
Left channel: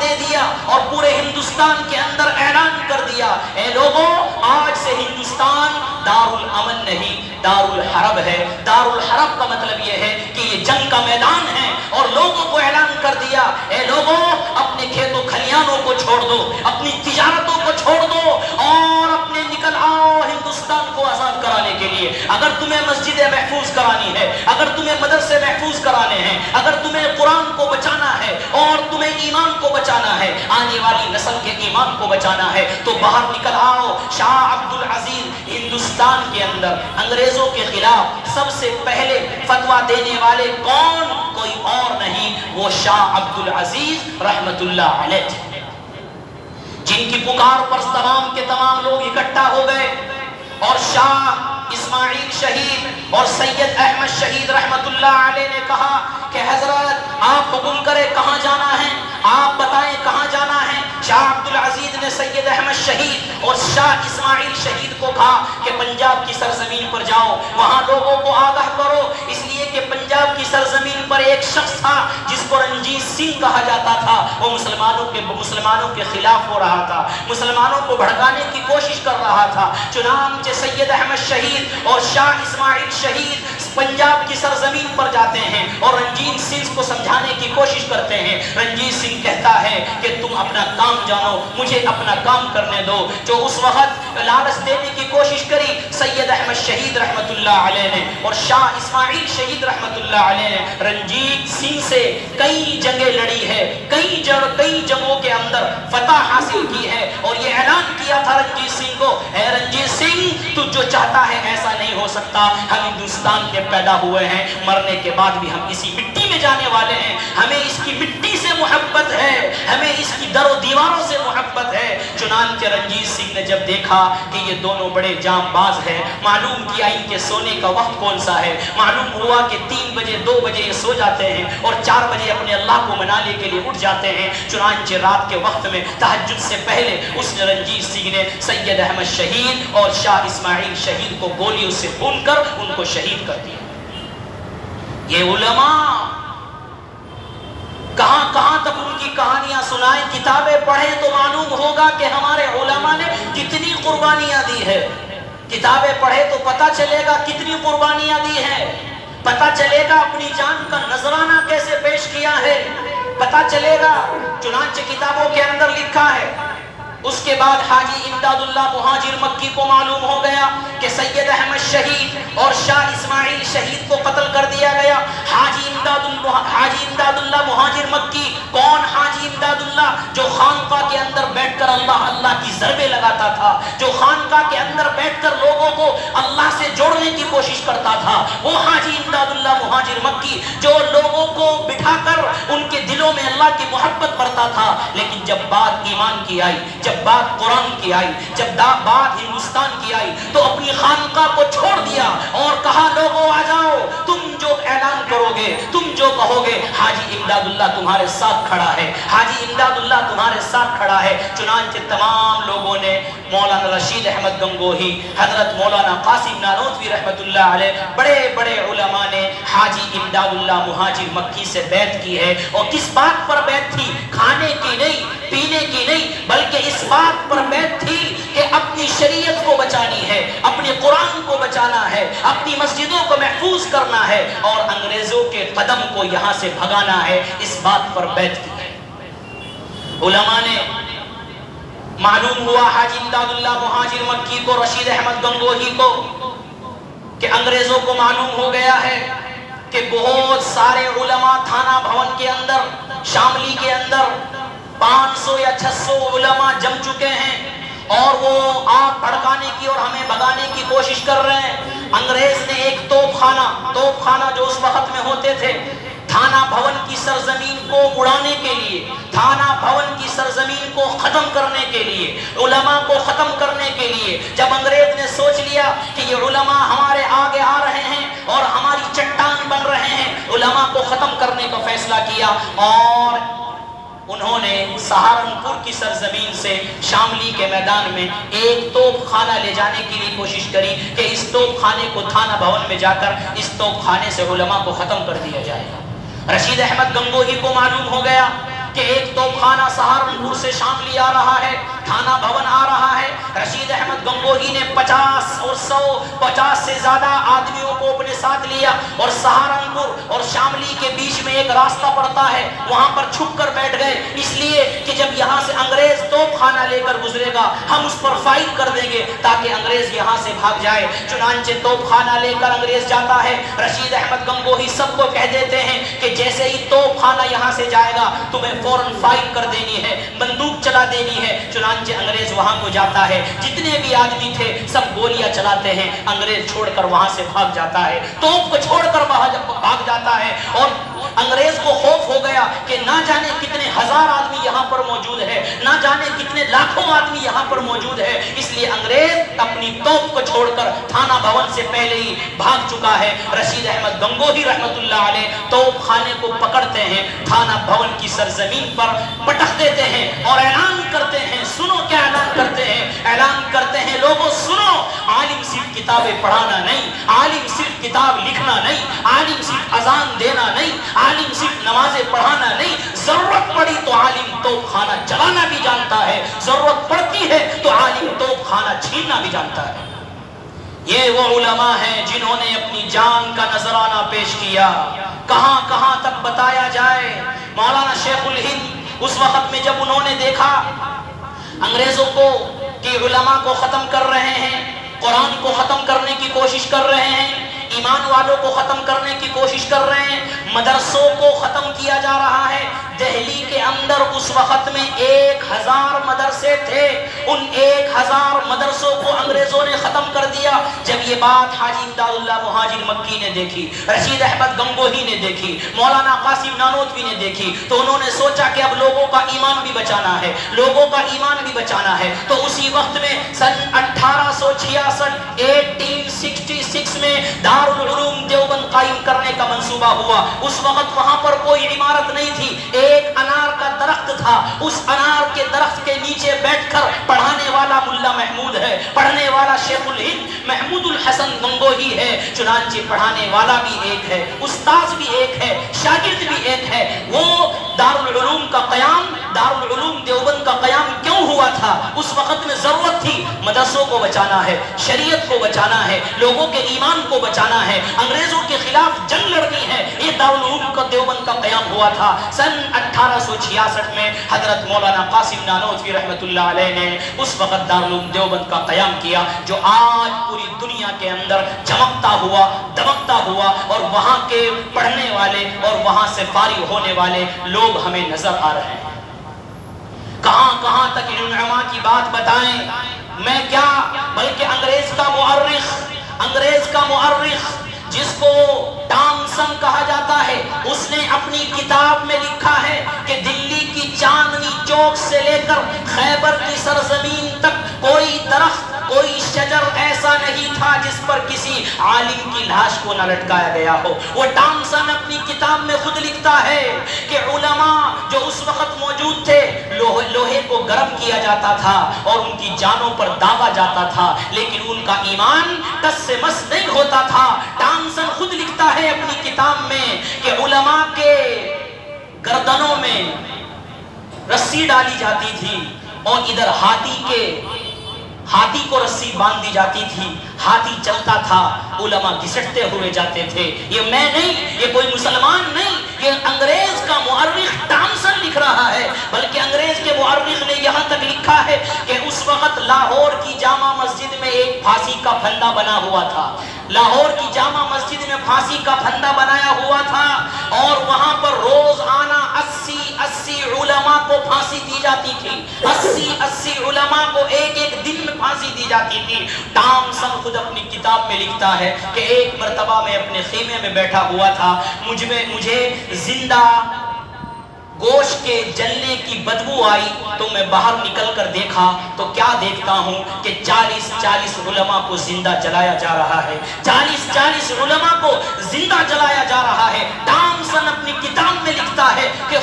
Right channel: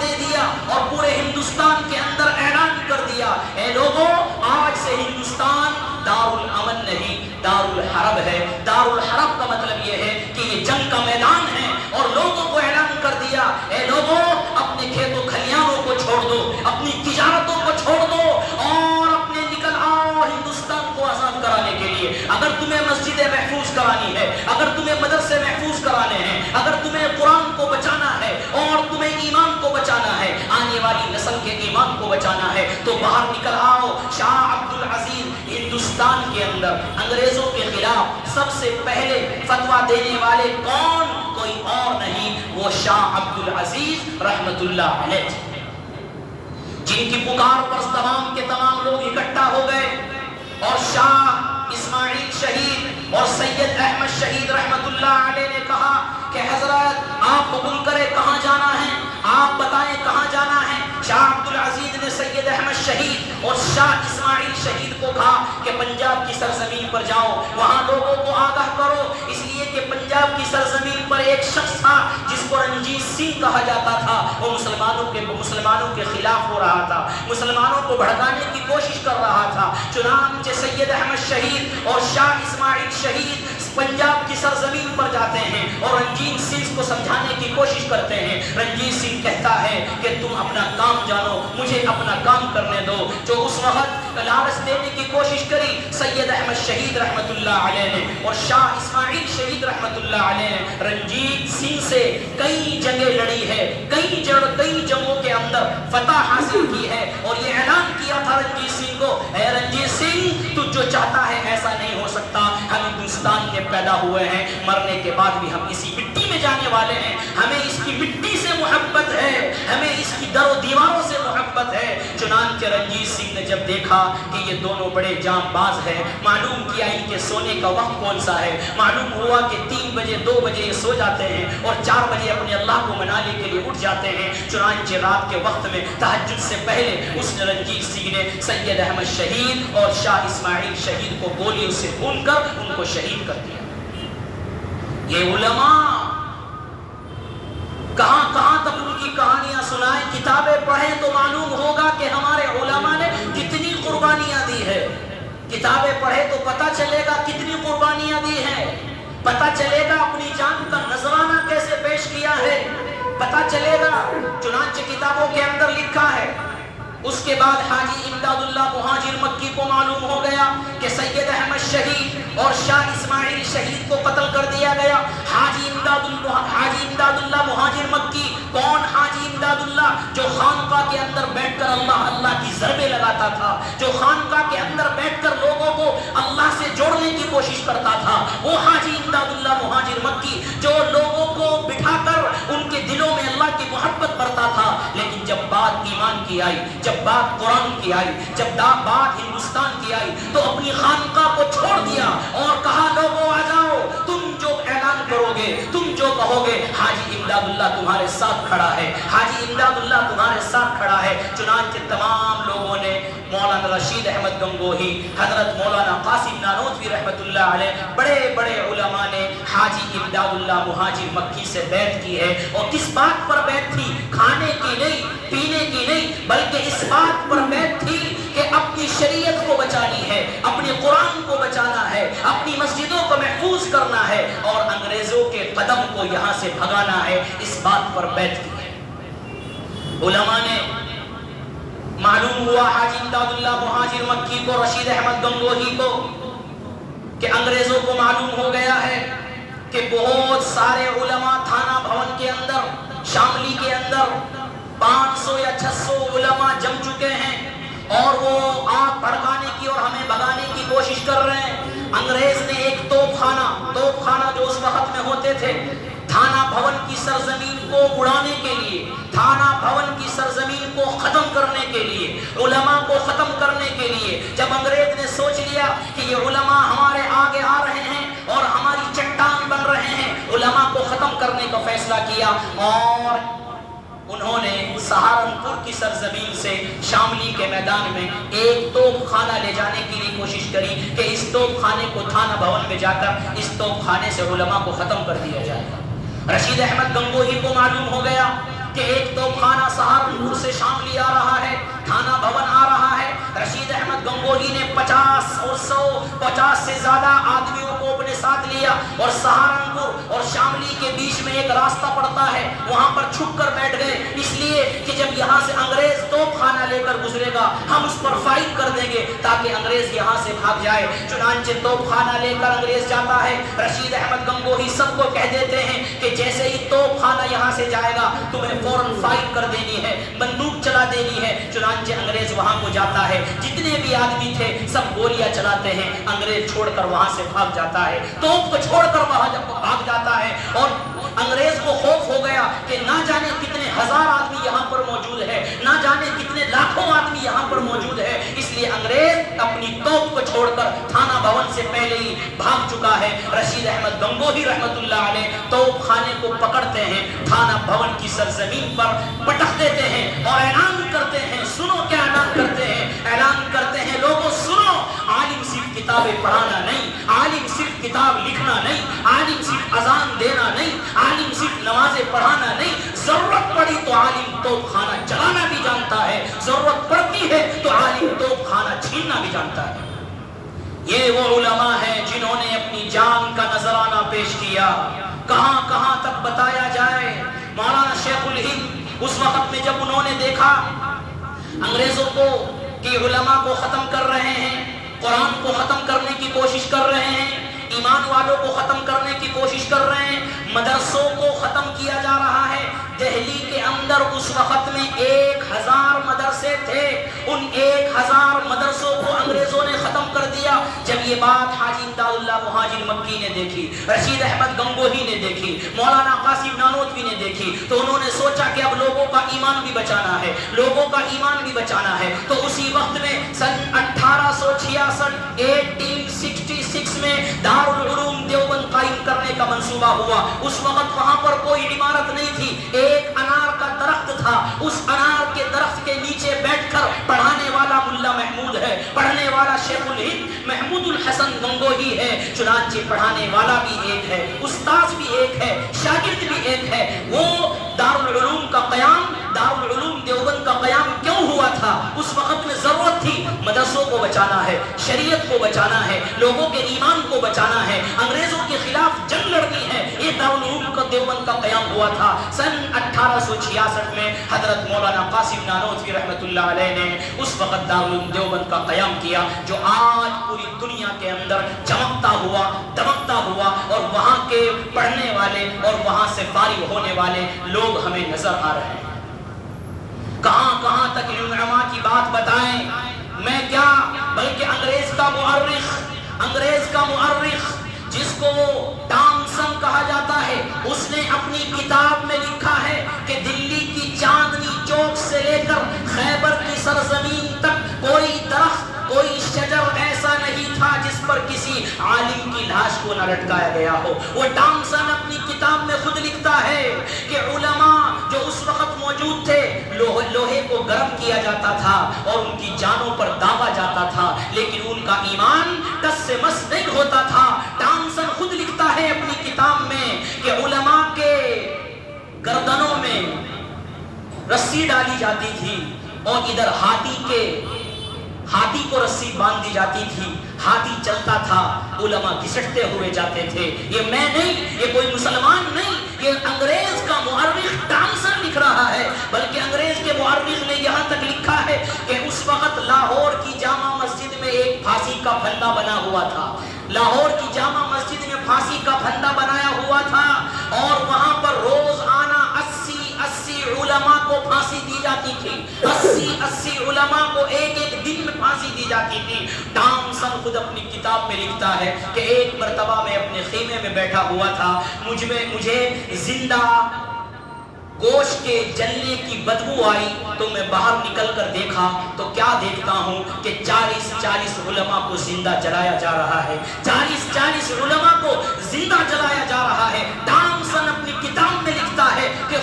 دے دیا اور پورے ہندوستان کے اندر اعلان کر دیا, اے لوگوں آج سے ہندوستان دار الامن نہیں دار الحرب ہے. دار الحرب کا مطلب یہ ہے کہ یہ جنگ کا میدان ہے, اور لوگوں کو اعلان کر دیا, اے لوگوں اپنے کھیتوں کھلیانوں کو چھوڑ دو, اپنی تجارتوں کو چھوڑ دو اور اپنے نکل آؤ ہندوستان کو آزاد کرانے کے لیے. اگر تمہیں مسجدیں محفوظ کرانی ہے, اگر تمہیں مدرسے محفوظ کرانے ہیں, اگر تمہیں قرآن کو بچانا ہے اور تمہیں ایمان کو بچانا ہے, آنے والی نسل کے ایمان کو بچانا ہے, تو باہر نکل آؤ. شاہ عبد العزیز ہندوستان کے اندر انگریزوں کے خلاف سب سے پہلے فتویٰ دینے والے کون, کوئی اور نہیں, وہ شاہ عبد العزیز رحمت اللہ علیہ تھے, جن کی پکار پر تمام کے تمام لوگ اکٹھا ہو گئے. اور شاہ اسماعیل شہید اور سید احمد شہید رحمت اللہ علیہ نے کہا کہ حضرت آپ حکم کرے کہاں جانا ہے, آپ بتائیں کہاں جانا ہے. شاہ عبد العزیز نے سید احمد شہید اور شاہ اسماعیل شہید کو کہا کہ پنجاب کی سرزمین پر جاؤ, وہاں لوگوں کو آگاہ کرو, اس لیے کہ پنجاب کی سرزمین پر ایک شخص تھا جس کو رنجیت سنگھ کہا جاتا تھا. وہ مسلمانوں کے خلاف ہو رہا تھا, مسلمانوں کو بھڑکانے کی کوشش کر رہا تھا. چنانچہ سید احمد شہید اور شاہ اسماعیل شہید پنجاب کی سرزمین پر جاتے ہیں اور رنجیت سنگھ کو سمجھانے کی کوشش کرتے ہیں. رنجیت سنگھ کہتا ہے کہ تم اپنا کام جانو, مجھے اپنا کام کرنے دو. جو اس وقت لالچ دینے کی کوشش کری. سید احمد شہید رحمت اللہ علیہ نے اور شاہ اسماعیل شہید رحمت اللہ علیہ نے رنجیت سنگھ سے کئی جنگیں لڑی ہے, کئی جنگوں کے اندر فتح حاصل کی ہے, اور یہ اعلان کیا تھا رنجیت سنگھ کو, اے رنجیت سنگھ تو جو چاہتا ہے ایسا نہیں ہو سکتا, ہم ہندوستان کے پیدا ہوئے ہیں, مرنے کے بعد بھی ہم اسی مٹی میں جانے والے ہیں, ہمیں اس کی مٹی سے محبت ہے, ہمیں اس کی در و دیواروں سے محبت ہے. چنانچہ رنجیت سنگھ نے جب دیکھا کہ یہ دونوں بڑے جام باز ہیں, معلوم کیا ان کے سونے کا وقت کون سا ہے, معلوم ہوا کہ 3 بجے 2 بجے یہ سو جاتے ہیں اور 4 بجے اپنے اللہ کو منانے کے لیے اٹھ جاتے ہیں. چنانچہ رات کے وقت میں تہجد سے پہلے اس رنجیت سنگھ نے سید احمد شہید اور شاہ اسماعیل شہید کو گولیوں سے بھون کر ان کو شہید کر دیا. یہ علماء کہاں کہاں تک ان کی کہانیاں سنائیں, کتابیں پڑھیں تو معلوم ہوگا کہ ہمارے علماء نے کتنی قربانیاں دی ہے. کتابیں پڑھے تو پتہ چلے گا کتنی قربانیاں دی ہیں, پتہ چلے گا اپنی جان کا نذرانہ کیسے پیش کیا ہے, پتہ چلے گا. چنانچہ کتابوں کے اندر لکھا ہے, اس کے بعد حاجی امداد اللہ مہاجر مکی کو معلوم ہو گیا کہ سید احمد شہید اور شاہ اسماعیل شہید کو قتل کر دیا گیا. حاجی امداد اللہ مہاجر مکی کون؟ حاجی امداد اللہ جو خانقاہ کے اندر بیٹھ کر اللہ کی ضربیں لگاتا تھا, جو خانقاہ کے اندر بیٹھ کر لوگوں کو اللہ سے جوڑنے کی کوشش کرتا تھا, وہ حاجی امداد اللہ مہاجر مکی جو لوگوں کو بٹھا کر ان کے دلوں میں اللہ کی محبت بھرتا تھا. لیکن جب بات ایمان کی آئی, جب بات قرآن کی آئی, جب بات ہندوستان کی آئی, تو اپنی خانقاہ کو چھوڑ دیا اور کہا لوگوں آ جاؤ, تم جو اعلان کرو گے, تم جو کہو گے, حاجی امداد اللہ تمہارے ساتھ کھڑا ہے, حاجی امداد اللہ تمہارے ساتھ کھڑا ہے. چنانچہ تمام لوگوں نے مولانا رشید احمد گنگوہی, حضرت مولانا قاسم نانوتوی رحمت اللہ علیہ, بڑے بڑے علماء نے حاجی امداد اللہ مہاجر مکی سے بیعت کی ہے. اور کس بات پر بیعت تھی؟ کھانے کی نہیں, پینے کی نہیں, بلکہ اس بات پر بیعت تھی کہ اپنی شریعت کو بچانی ہے, اپنے قرآن کو بچانا ہے, اپنی مسجدوں کو محفوظ کرنا ہے اور انگریزوں کے قدم کو یہاں سے بھگانا ہے. اس بات پر بیعت کی ہے. علماء نے معلوم ہوا حاجی امداد اللہ مہاجر مکی کو, رشید احمد گنگوہی کو, کہ انگریزوں کو معلوم ہو گیا ہے کہ بہت سارے علماء تھانہ بھون کے اندر, شاملی کے اندر 500 یا 600 علماء جم چکے ہیں اور وہ آگ بھڑکانے کی اور ہمیں بھگانے کی کوشش کر رہے ہیں. انگریز نے ایک توپ خانہ جو اس وقت میں ہوتے تھے, تھانہ بھون کی سرزمین کو اڑانے کے لیے, تھانہ بھون کی سرزمین کو ختم کرنے کے لیے, علماء کو ختم کرنے کے لیے, جب انگریز نے سوچ لیا کہ یہ علماء ہمارے آگے آ رہے ہیں اور ہماری چٹان بن رہے ہیں, علماء کو ختم کرنے کا فیصلہ کیا اور انہوں نے سہارنپور کی سرزمین سے شاملی کے میدان میں ایک توپ خانہ لے جانے کے لیے کوشش کری کہ اس توپ خانے کو تھانہ بھون میں جا کر اس توپ خانے سے علماء کو ختم کر دیا جائے گا. رشید احمد گنگوہی کو معلوم ہو گیا کہ ایک توپ خانہ سہارنپور سے شاملی آ رہا ہے, تھانہ بھون آ رہا ہے. رشید احمد گنگوہی نے 50 سے زیادہ آدمیوں کو اپنے ساتھ لیا اور سہارنپور اور شاملی کے بیچ میں ایک راستہ پڑتا ہے, وہاں پر چھپ کر بیٹھ گئے, اس لیے کہ جب یہاں سے انگریز توپ خانہ لے کر گزرے گا ہم اس پر فائٹ کر دیں گے تاکہ انگریز یہاں سے بھاگ جائے. چنانچہ توپ خانہ لے کر انگریز جاتا ہے. رشید احمد گنگوہی سب کو کہہ دیتے ہیں کہ جیسے ہی توپ خانہ یہاں سے جائے گا تمہیں فوراً فائٹ کر دینی ہے, بندوق چلا دینی ہے. چنانچہ انگریز وہاں کو جاتا ہے, جتنے بھی آدمی تھے سب گولیاں چلاتے ہیں, انگریز چھوڑ کر وہاں سے بھاگ جاتا ہے, توپ کو چھوڑ کر بھاگ جاتا ہے. اور انگریز کو خوف ہو گیا کہ نہ جانے کتنے ہزار آدمی یہاں پر موجود ہے, نہ جانے کتنے لاکھوں آدمی یہاں پر موجود ہے, اس لیے انگریز اپنی توپ کو چھوڑ کر تھانہ بھون سے پہلے ہی بھاگ چکا ہے. رشید احمد گنگوہی رحمت اللہ علیہ توپ خانے کو پکڑتے ہیں, تھانہ بھون کی سرزمین پر پٹک دیتے ہیں اور اعلان کرتے ہیں. سنو کیا اعلان کرتے ہیں, اعلان کرتے ہیں لوگوں سنو, عالم صرف کتابیں پڑھانا نہیں, عالم صرف کتاب لکھنا نہیں, عالم صرف اذان دینا نہیں, عالم صرف نمازیں پڑھانا نہیں, ضرورت پڑی تو عالم توپ خانہ چلانا بھی جانتا ہے, ضرورت پڑتی ہے تو عالم توپ خانہ چھیننا بھی جانتا ہے. یہ وہ علماء ہیں جنہوں نے اپنی جان کا نذرانہ پیش کیا. کہاں کہاں تک بتایا جائے. مولانا شیخ الہند اس وقت میں جب انہوں نے دیکھا انگریزوں کو کہ علماء کو ختم کر رہے ہیں، قرآن کو ختم کرنے کی کوشش کر رہے ہیں، ایمان والوں کو ختم کرنے کی کوشش کر رہے ہیں، مدرسوں کو ختم کیا جا رہا ہے۔ دہلی کے اندر اس وقت میں 1000 مدرسے تھے، ان 1000 مدرسوں کو انگریزوں نے ختم کر دیا۔ جب یہ بات حاجی امداد اللہ مہاجر مکی نے دیکھی، رشید احمد گنگوہی نے دیکھی، مولانا قاسم نانوتوی نے دیکھی، تو انہوں نے سوچا کہ اب لوگوں کا ایمان بھی بچانا ہے، لوگوں کا ایمان بھی بچانا ہے۔ تو اسی وقت میں سن 1866 میں دارالعلوم دیوبند قائم کرنے کا منصوبہ ہوا۔ اس وقت وہاں پر کوئی عمارت نہیں تھی، ایک انار کا درخت تھا، اس انار کے درخت کے نیچے بیٹھ کر پڑھانے والا ملا محمود ہے، پڑھنے والا شیخ الہند محمود الحسن گنگوہی ہے۔ چنانچہ پڑھانے والا بھی ایک ہے، استاذ بھی ایک ہے، شاگرد بھی ایک ہے۔ وہ دارالعلوم کا قیام، دارالعلوم دیوبند کا قیام کیوں ہوا تھا؟ اس وقت میں ضرورت تھی مدرسوں کو بچانا ہے، شریعت کو بچانا ہے، لوگوں کے ایمان کو بچانا ہے، انگریزوں کے خلاف جنگ لڑنی ہے۔ یہ دارالعلوم کا دیوبند کا قیام ہوا تھا۔ سن 1866 میں حضرت مولانا قاسم نانوتوی رحمۃ اللہ علیہ نے اس وقت دارالعلوم دیوبند کا قیام کیا، جو آج پوری دنیا کے اندر چمکتا ہوا، دمکتا ہوا، اور وہاں کے پڑھنے والے اور وہاں سے فارغ ہونے والے لوگ ہمیں نظر آ رہے ہیں۔ کہاں کہاں تک ان علماء کی بات بتائیں، میں کیا بلکہ انگریز کا مؤرخ جس کو ٹامسن کہا جاتا ہے، اس نے اپنی کتاب میں لکھا ہے کہ دلی کی چاندنی چوک سے لے کر خیبر کی سرزمین تک کوئی درخت، کوئی شجر ایسا نہیں تھا جس پر کسی عالم کی لاش کو نہ لٹکایا گیا ہو۔ وہ ٹامسن اپنی کتاب میں خود لکھتا ہے کہ علماء جو اس وقت موجود تھے، لوہے کو گرم کیا جاتا تھا اور ان کی جانوں پر داغا جاتا تھا، لیکن ان کا ایمان ٹس سے مس نہیں ہوتا تھا۔ ٹامسن خود لکھتا ہے اپنی کتاب میں کہ علماء کے گردنوں میں رسی ڈالی جاتی تھی اور ادھر ہاتھی کو رسی باندھ دی جاتی تھی، ہاتھی چلتا تھا، علماء گھسٹتے ہوئے جاتے تھے۔ یہ میں نہیں، یہ کوئی مسلمان نہیں، یہ انگریز کا مؤرخ ٹامسن لکھ رہا ہے۔ بلکہ انگریز کے مؤرخ نے یہاں تک لکھا ہے کہ اس وقت لاہور کی جامع مسجد میں ایک پھانسی کا پھندا بنا ہوا تھا، لاہور کی جامع مسجد میں پھانسی کا پھندا بنایا ہوا تھا، اور وہاں پر روزانہ 80 علماء کو پھانسی دی جاتی تھی، 80 علماء کو ایک دن میں پھانسی دی جاتی تھی۔ ٹامسن خود اپنی کتاب میں لکھتا ہے کہ ایک مرتبہ میں اپنے خیمے میں بیٹھا ہوا تھا، مجھے زندہ گوشت کے جلنے کی بدبو آئی، تو میں باہر نکل کر دیکھا تو کیا دیکھتا ہوں کہ 40 علماء کو زندہ جلایا جا رہا ہے، 40 علماء کو زندہ جلایا جا رہا ہے۔ ٹامسن اپنی کتاب میں لکھتا ہے کہ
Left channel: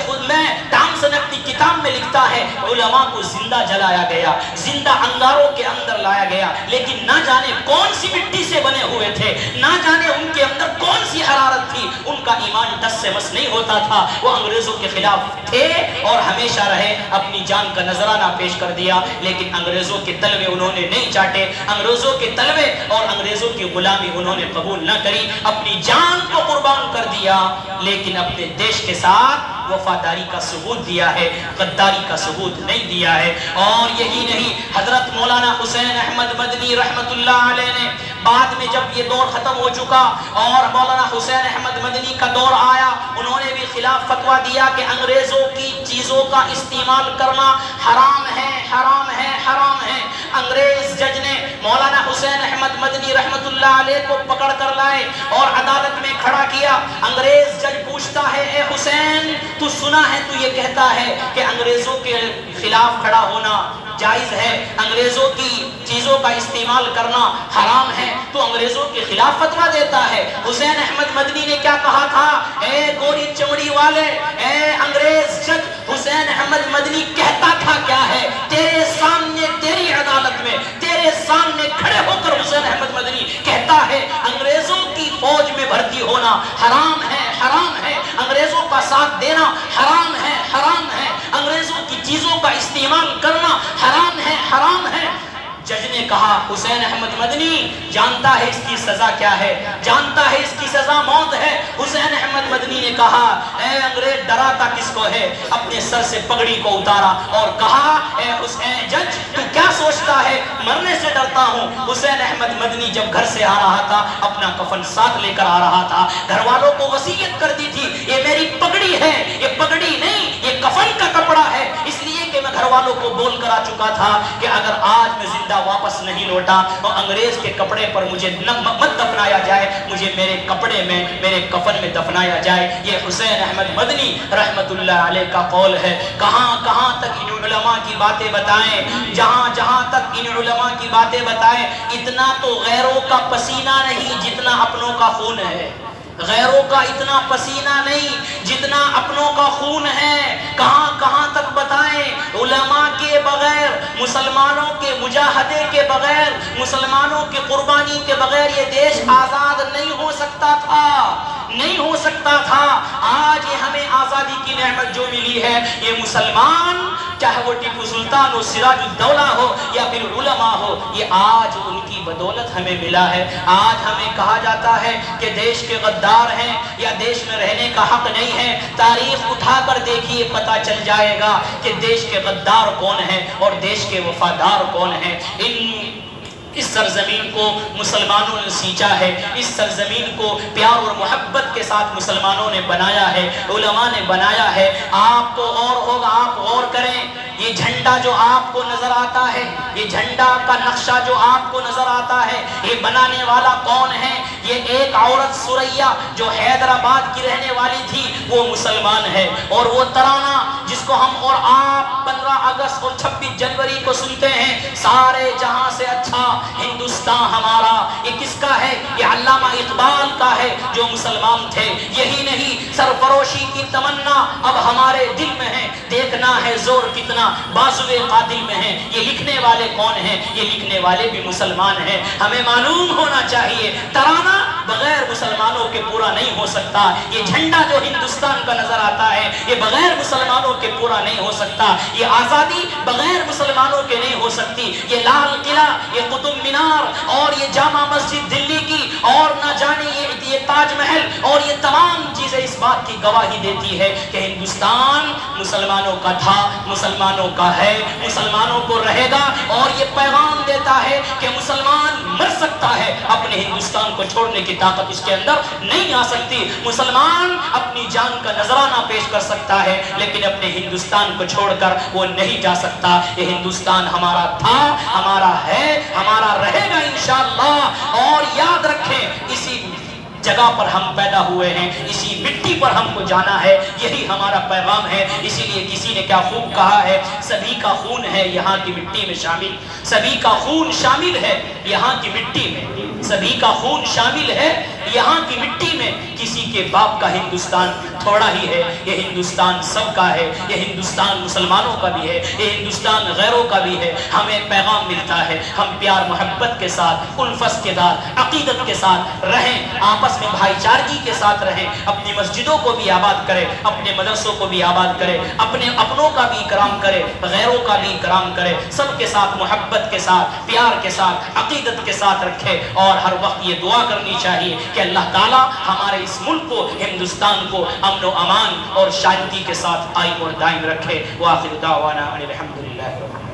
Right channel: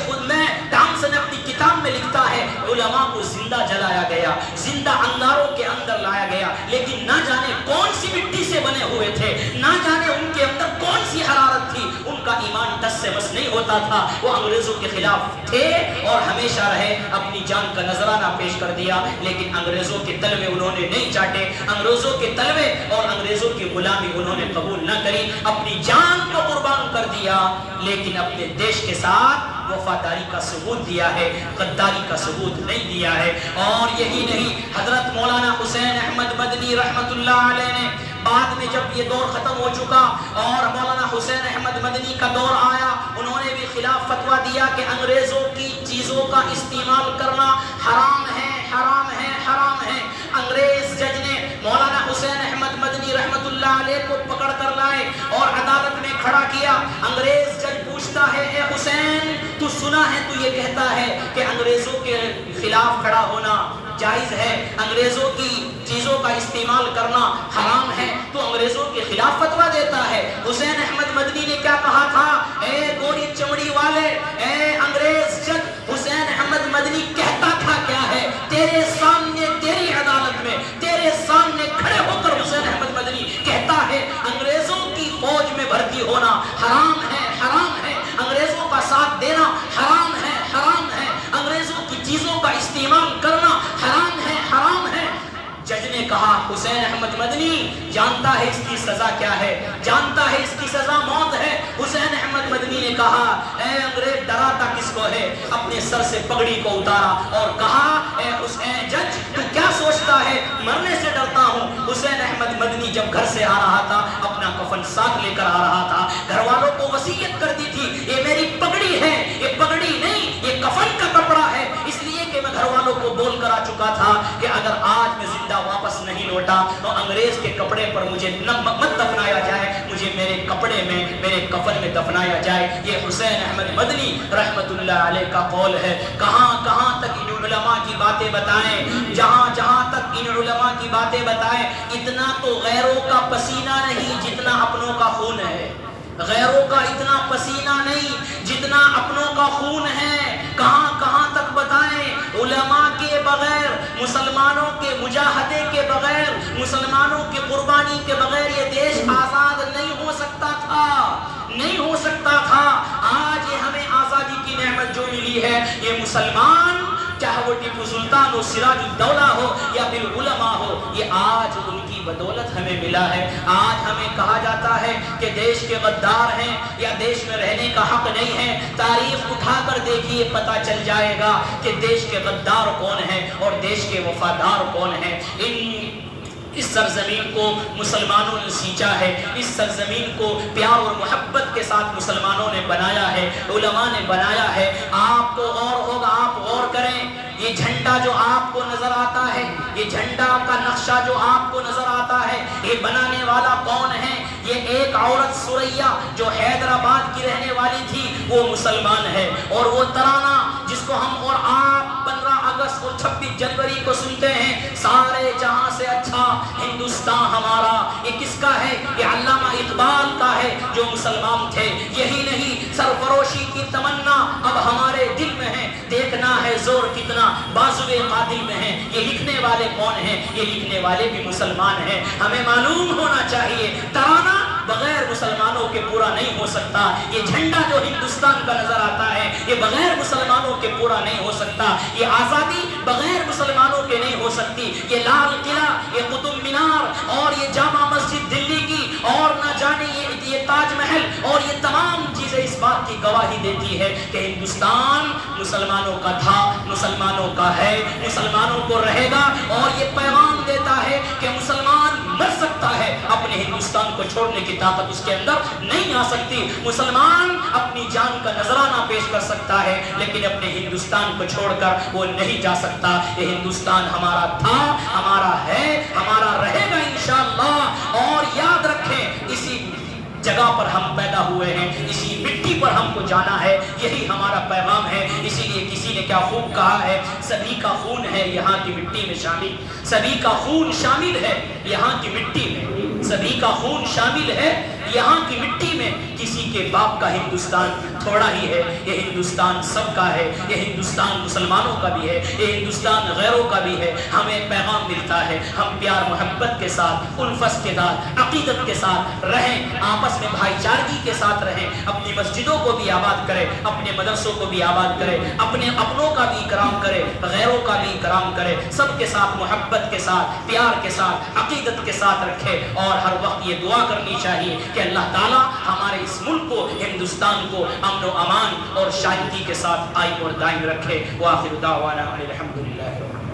ٹامسن اپنی کتاب میں لکھتا ہے علماء کو زندہ جلایا گیا، زندہ انگاروں کے اندر لایا گیا، لیکن نہ جانے کون سی مٹی سے بنے ہوئے تھے، نہ جانے ان کے اندر کون سی حرارت تھی، ان کا ایمان ٹس سے مس نہیں ہوتا تھا۔ وہ انگریزوں کے خلاف تھے اور ہمیشہ رہے، اپنی جان کا نذرانہ پیش کر دیا، لیکن انگریزوں کے تلوے انہوں نے نہیں چاٹے، انگریزوں کے تلوے اور انگریزوں کی غلامی انہوں نے قبول نہ کری، اپنی جان کو قربان کر دیا، لیکن اپنے دیش کے ساتھ وفاداری کا ثبوت دیا ہے، غداری کا ثبوت نہیں دیا ہے۔ اور یہی نہیں، حضرت مولانا حسین احمد مدنی رحمت اللہ علیہ نے بعد میں جب یہ دور ختم ہو چکا اور مولانا حسین احمد مدنی کا دور آیا، انہوں نے بھی خلاف فتویٰ دیا کہ انگریزوں کی چیزوں کا استعمال کرنا حرام ہے، حرام ہے، حرام ہے۔ انگریز جج نے مولانا حسین احمد مدنی رحمت اللہ علیہ کو پکڑ کر لائے اور عدالت میں کھڑا کیا۔ انگریز جج پوچھتا ہے، اے حسین، تو سنا ہے تو یہ کہتا ہے کہ انگریزوں کے خلاف کھڑا ہونا جائز ہے، انگریزوں کی چیزوں کا استعمال کرنا حرام ہے، تو انگریزوں کے خلاف فتویٰ دیتا ہے۔ حسین احمد مدنی نے کیا کہا تھا؟ اے گوری چمڑی والے، اے انگریز جج، حسین احمد مدنی کہتا تھا کیا ہے؟ تیرے سامنے، تیری عدالت میں، تیرے سامنے کھڑے ہو کر حسین احمد مدنی کہتا ہے انگریزوں کی فوج میں بھرتی ہونا حرام ہے، حرام ہے، انگریزوں کا ساتھ دینا حرام ہے، حرام ہے، انگریزوں کی چیزوں کا استعمال کرنا حرام ہے، حرام ہے۔ جج نے کہا حسین احمد مدنی جانتا ہے اس کی سزا کیا ہے؟ جانتا ہے اس کی سزا موت ہے۔ حسین احمد مدنی نے کہا اے انگریز ڈراتا کس کو ہے؟ اپنے سر سے پگڑی کو اتارا اور کہا اے حسین جج تو کیا سوچتا ہے؟ مرنے سے ڈرتا ہوں۔ حسین احمد مدنی جب گھر سے آ رہا تھا اپنا کفن ساتھ لے کر آ رہا تھا، گھر والوں کو وصیت کر دی تھی یہ میری پگڑی ہے، یہ پگڑی نہیں یہ کفن کا کپڑا ہے، اس لیے کہ میں گھر والوں کو بول کر آ چکا تھا کہ اگر آج میں زندہ واپس نہیں لوٹا تو انگریز کے کپڑے پر مجھے مت دفنایا جائے، مجھے میرے کپڑے میں میرے کفن میں دفنایا جائے۔ یہ حسین احمد مدنی رحمت اللہ علیہ کا قول ہے۔ کہاں کہاں تک ان علماء کی باتیں بتائیں، جہاں جہاں تک ان علماء کی باتیں بتائیں، اتنا تو غیروں کا پسینہ نہیں جتنا اپنوں کا خون ہے، غیروں کا اتنا پسینہ نہیں جتنا اپنوں کا خون ہے۔ کہاں کہاں تک بتائیں، علماء کے بغیر، مسلمانوں کے مجاہدے کے بغیر، مسلمانوں کے قربانی کے بغیر یہ دیش آزاد نہیں ہو سکتا تھا، نہیں ہو سکتا تھا۔ آج یہ ہمیں آزادی کی نعمت جو ملی ہے، یہ مسلمان چاہے وہ ٹیپو سلطان ہو، سراج الدولہ ہو یا پھر علماء ہو، یہ آج ان کی بدولت ہمیں ملا ہے۔ آج ہمیں کہا جاتا ہے کہ دیش کے غدار ہیں یا دیش میں رہنے کا حق نہیں ہے، تاریخ اٹھا کر دیکھیے پتہ چل جائے گا کہ دیش کے غدار کون ہیں اور دیش کے وفادار کون ہیں۔ اس سرزمین کو مسلمانوں نے سینچا ہے، اس سرزمین کو پیار اور محبت کے ساتھ مسلمانوں نے بنایا ہے، علماء نے بنایا ہے۔ آپ تو اور ہوگا، آپ غور کریں، یہ جھنڈا جو آپ کو نظر آتا ہے، یہ جھنڈا کا نقشہ جو آپ کو نظر آتا ہے، یہ بنانے والا کون ہے؟ یہ ایک عورت سریا جو حیدرآباد کی رہنے والی تھی، وہ مسلمان ہے۔ اور وہ ترانہ جس کو ہم اور آپ 15 اگست اور 26 جنوری کو سنتے ہیں، سارے جہاں سے اچھا ہندوستان ہمارا، یہ کس کا ہے؟ یہ علامہ اقبال کا ہے جو مسلمان تھے۔ یہی نہیں، سرفروشی کی تمنا اب ہمارے دل میں ہے، دیکھنا ہے زور کتنا بازوئے قاتل میں ہے۔ یہ لکھنے والے کون ہیں؟ یہ لکھنے والے بھی مسلمان ہیں۔ ہمیں معلوم ہونا چاہیے ترانہ بغیر مسلمانوں کے پورا نہیں ہو سکتا، یہ جھنڈا جو ہندوستان کا نظر آتا ہے یہ بغیر مسلمانوں کے پورا نہیں ہو سکتا، یہ آزادی بغیر مسلمانوں کے نہیں ہو سکتی۔ یہ لال قلعہ، یہ قطب مینار اور یہ جامع مسجد دلی کی اور نہ جانے یہ تاج محل اور یہ تمام چیزیں اس بات کی گواہی دیتی ہے کہ ہندوستان مسلمانوں کا تھا، مسلمانوں کا ہے، مسلمانوں کو رہے گا۔ اور یہ پیغام دیتا ہے کہ مسلمان مر سکتا ہے، اپنے ہندوستان کو چھوڑنے کی طاقت اس کے اندر نہیں آ سکتی۔ مسلمان اپنی جان کا نذرانہ پیش کر سکتا ہے لیکن اپنے ہندوستان کو چھوڑ کر وہ نہیں جا سکتا۔ یہ ہندوستان ہمارا تھا، ہمارا ہے، ہمارا رہے گا انشاءاللہ۔ اور یاد رکھیں اسی جگہ پر ہم پیدا ہوئے ہیں، اسی مٹی پر ہم کو جانا ہے، یہی ہمارا پیغام ہے۔ اسی لیے کسی نے کیا خوب کہا ہے، سبھی کا خون ہے یہاں کی مٹی میں شامل، سبھی کا خون شامل ہے یہاں کی مٹی میں، سبھی کا خون شامل ہے یہاں کی مٹی میں۔ کسی کے باپ کا ہندوستان تھوڑا ہی ہے، یہ ہندوستان سب کا ہے، یہ ہندوستان مسلمانوں کا بھی ہے، یہ ہندوستان غیروں کا بھی ہے۔ ہمیں پیغام ملتا ہے ہم پیار محبت کے ساتھ، الفت کے ساتھ، عقیدت کے ساتھ رہیں، آپس میں بھائی چارگی کے ساتھ رہیں، اپنی مسجدوں کو بھی آباد کریں، اپنے مدرسوں کو بھی آباد کریں، اپنے اپنوں کا بھی اکرام کریں، غیروں کا بھی اکرام کریں، سب کے ساتھ محبت کے ساتھ، پیار کے ساتھ، عقیدت کے ساتھ رکھیں۔ اور ہر وقت یہ دعا کرنی چاہیے کہ اللہ تعالیٰ ہمارے اس ملک کو، ہندوستان کو امن و امان اور شانتی کے ساتھ قائم اور دائم رکھے۔ وآخر دعوانا ان الحمدللہ۔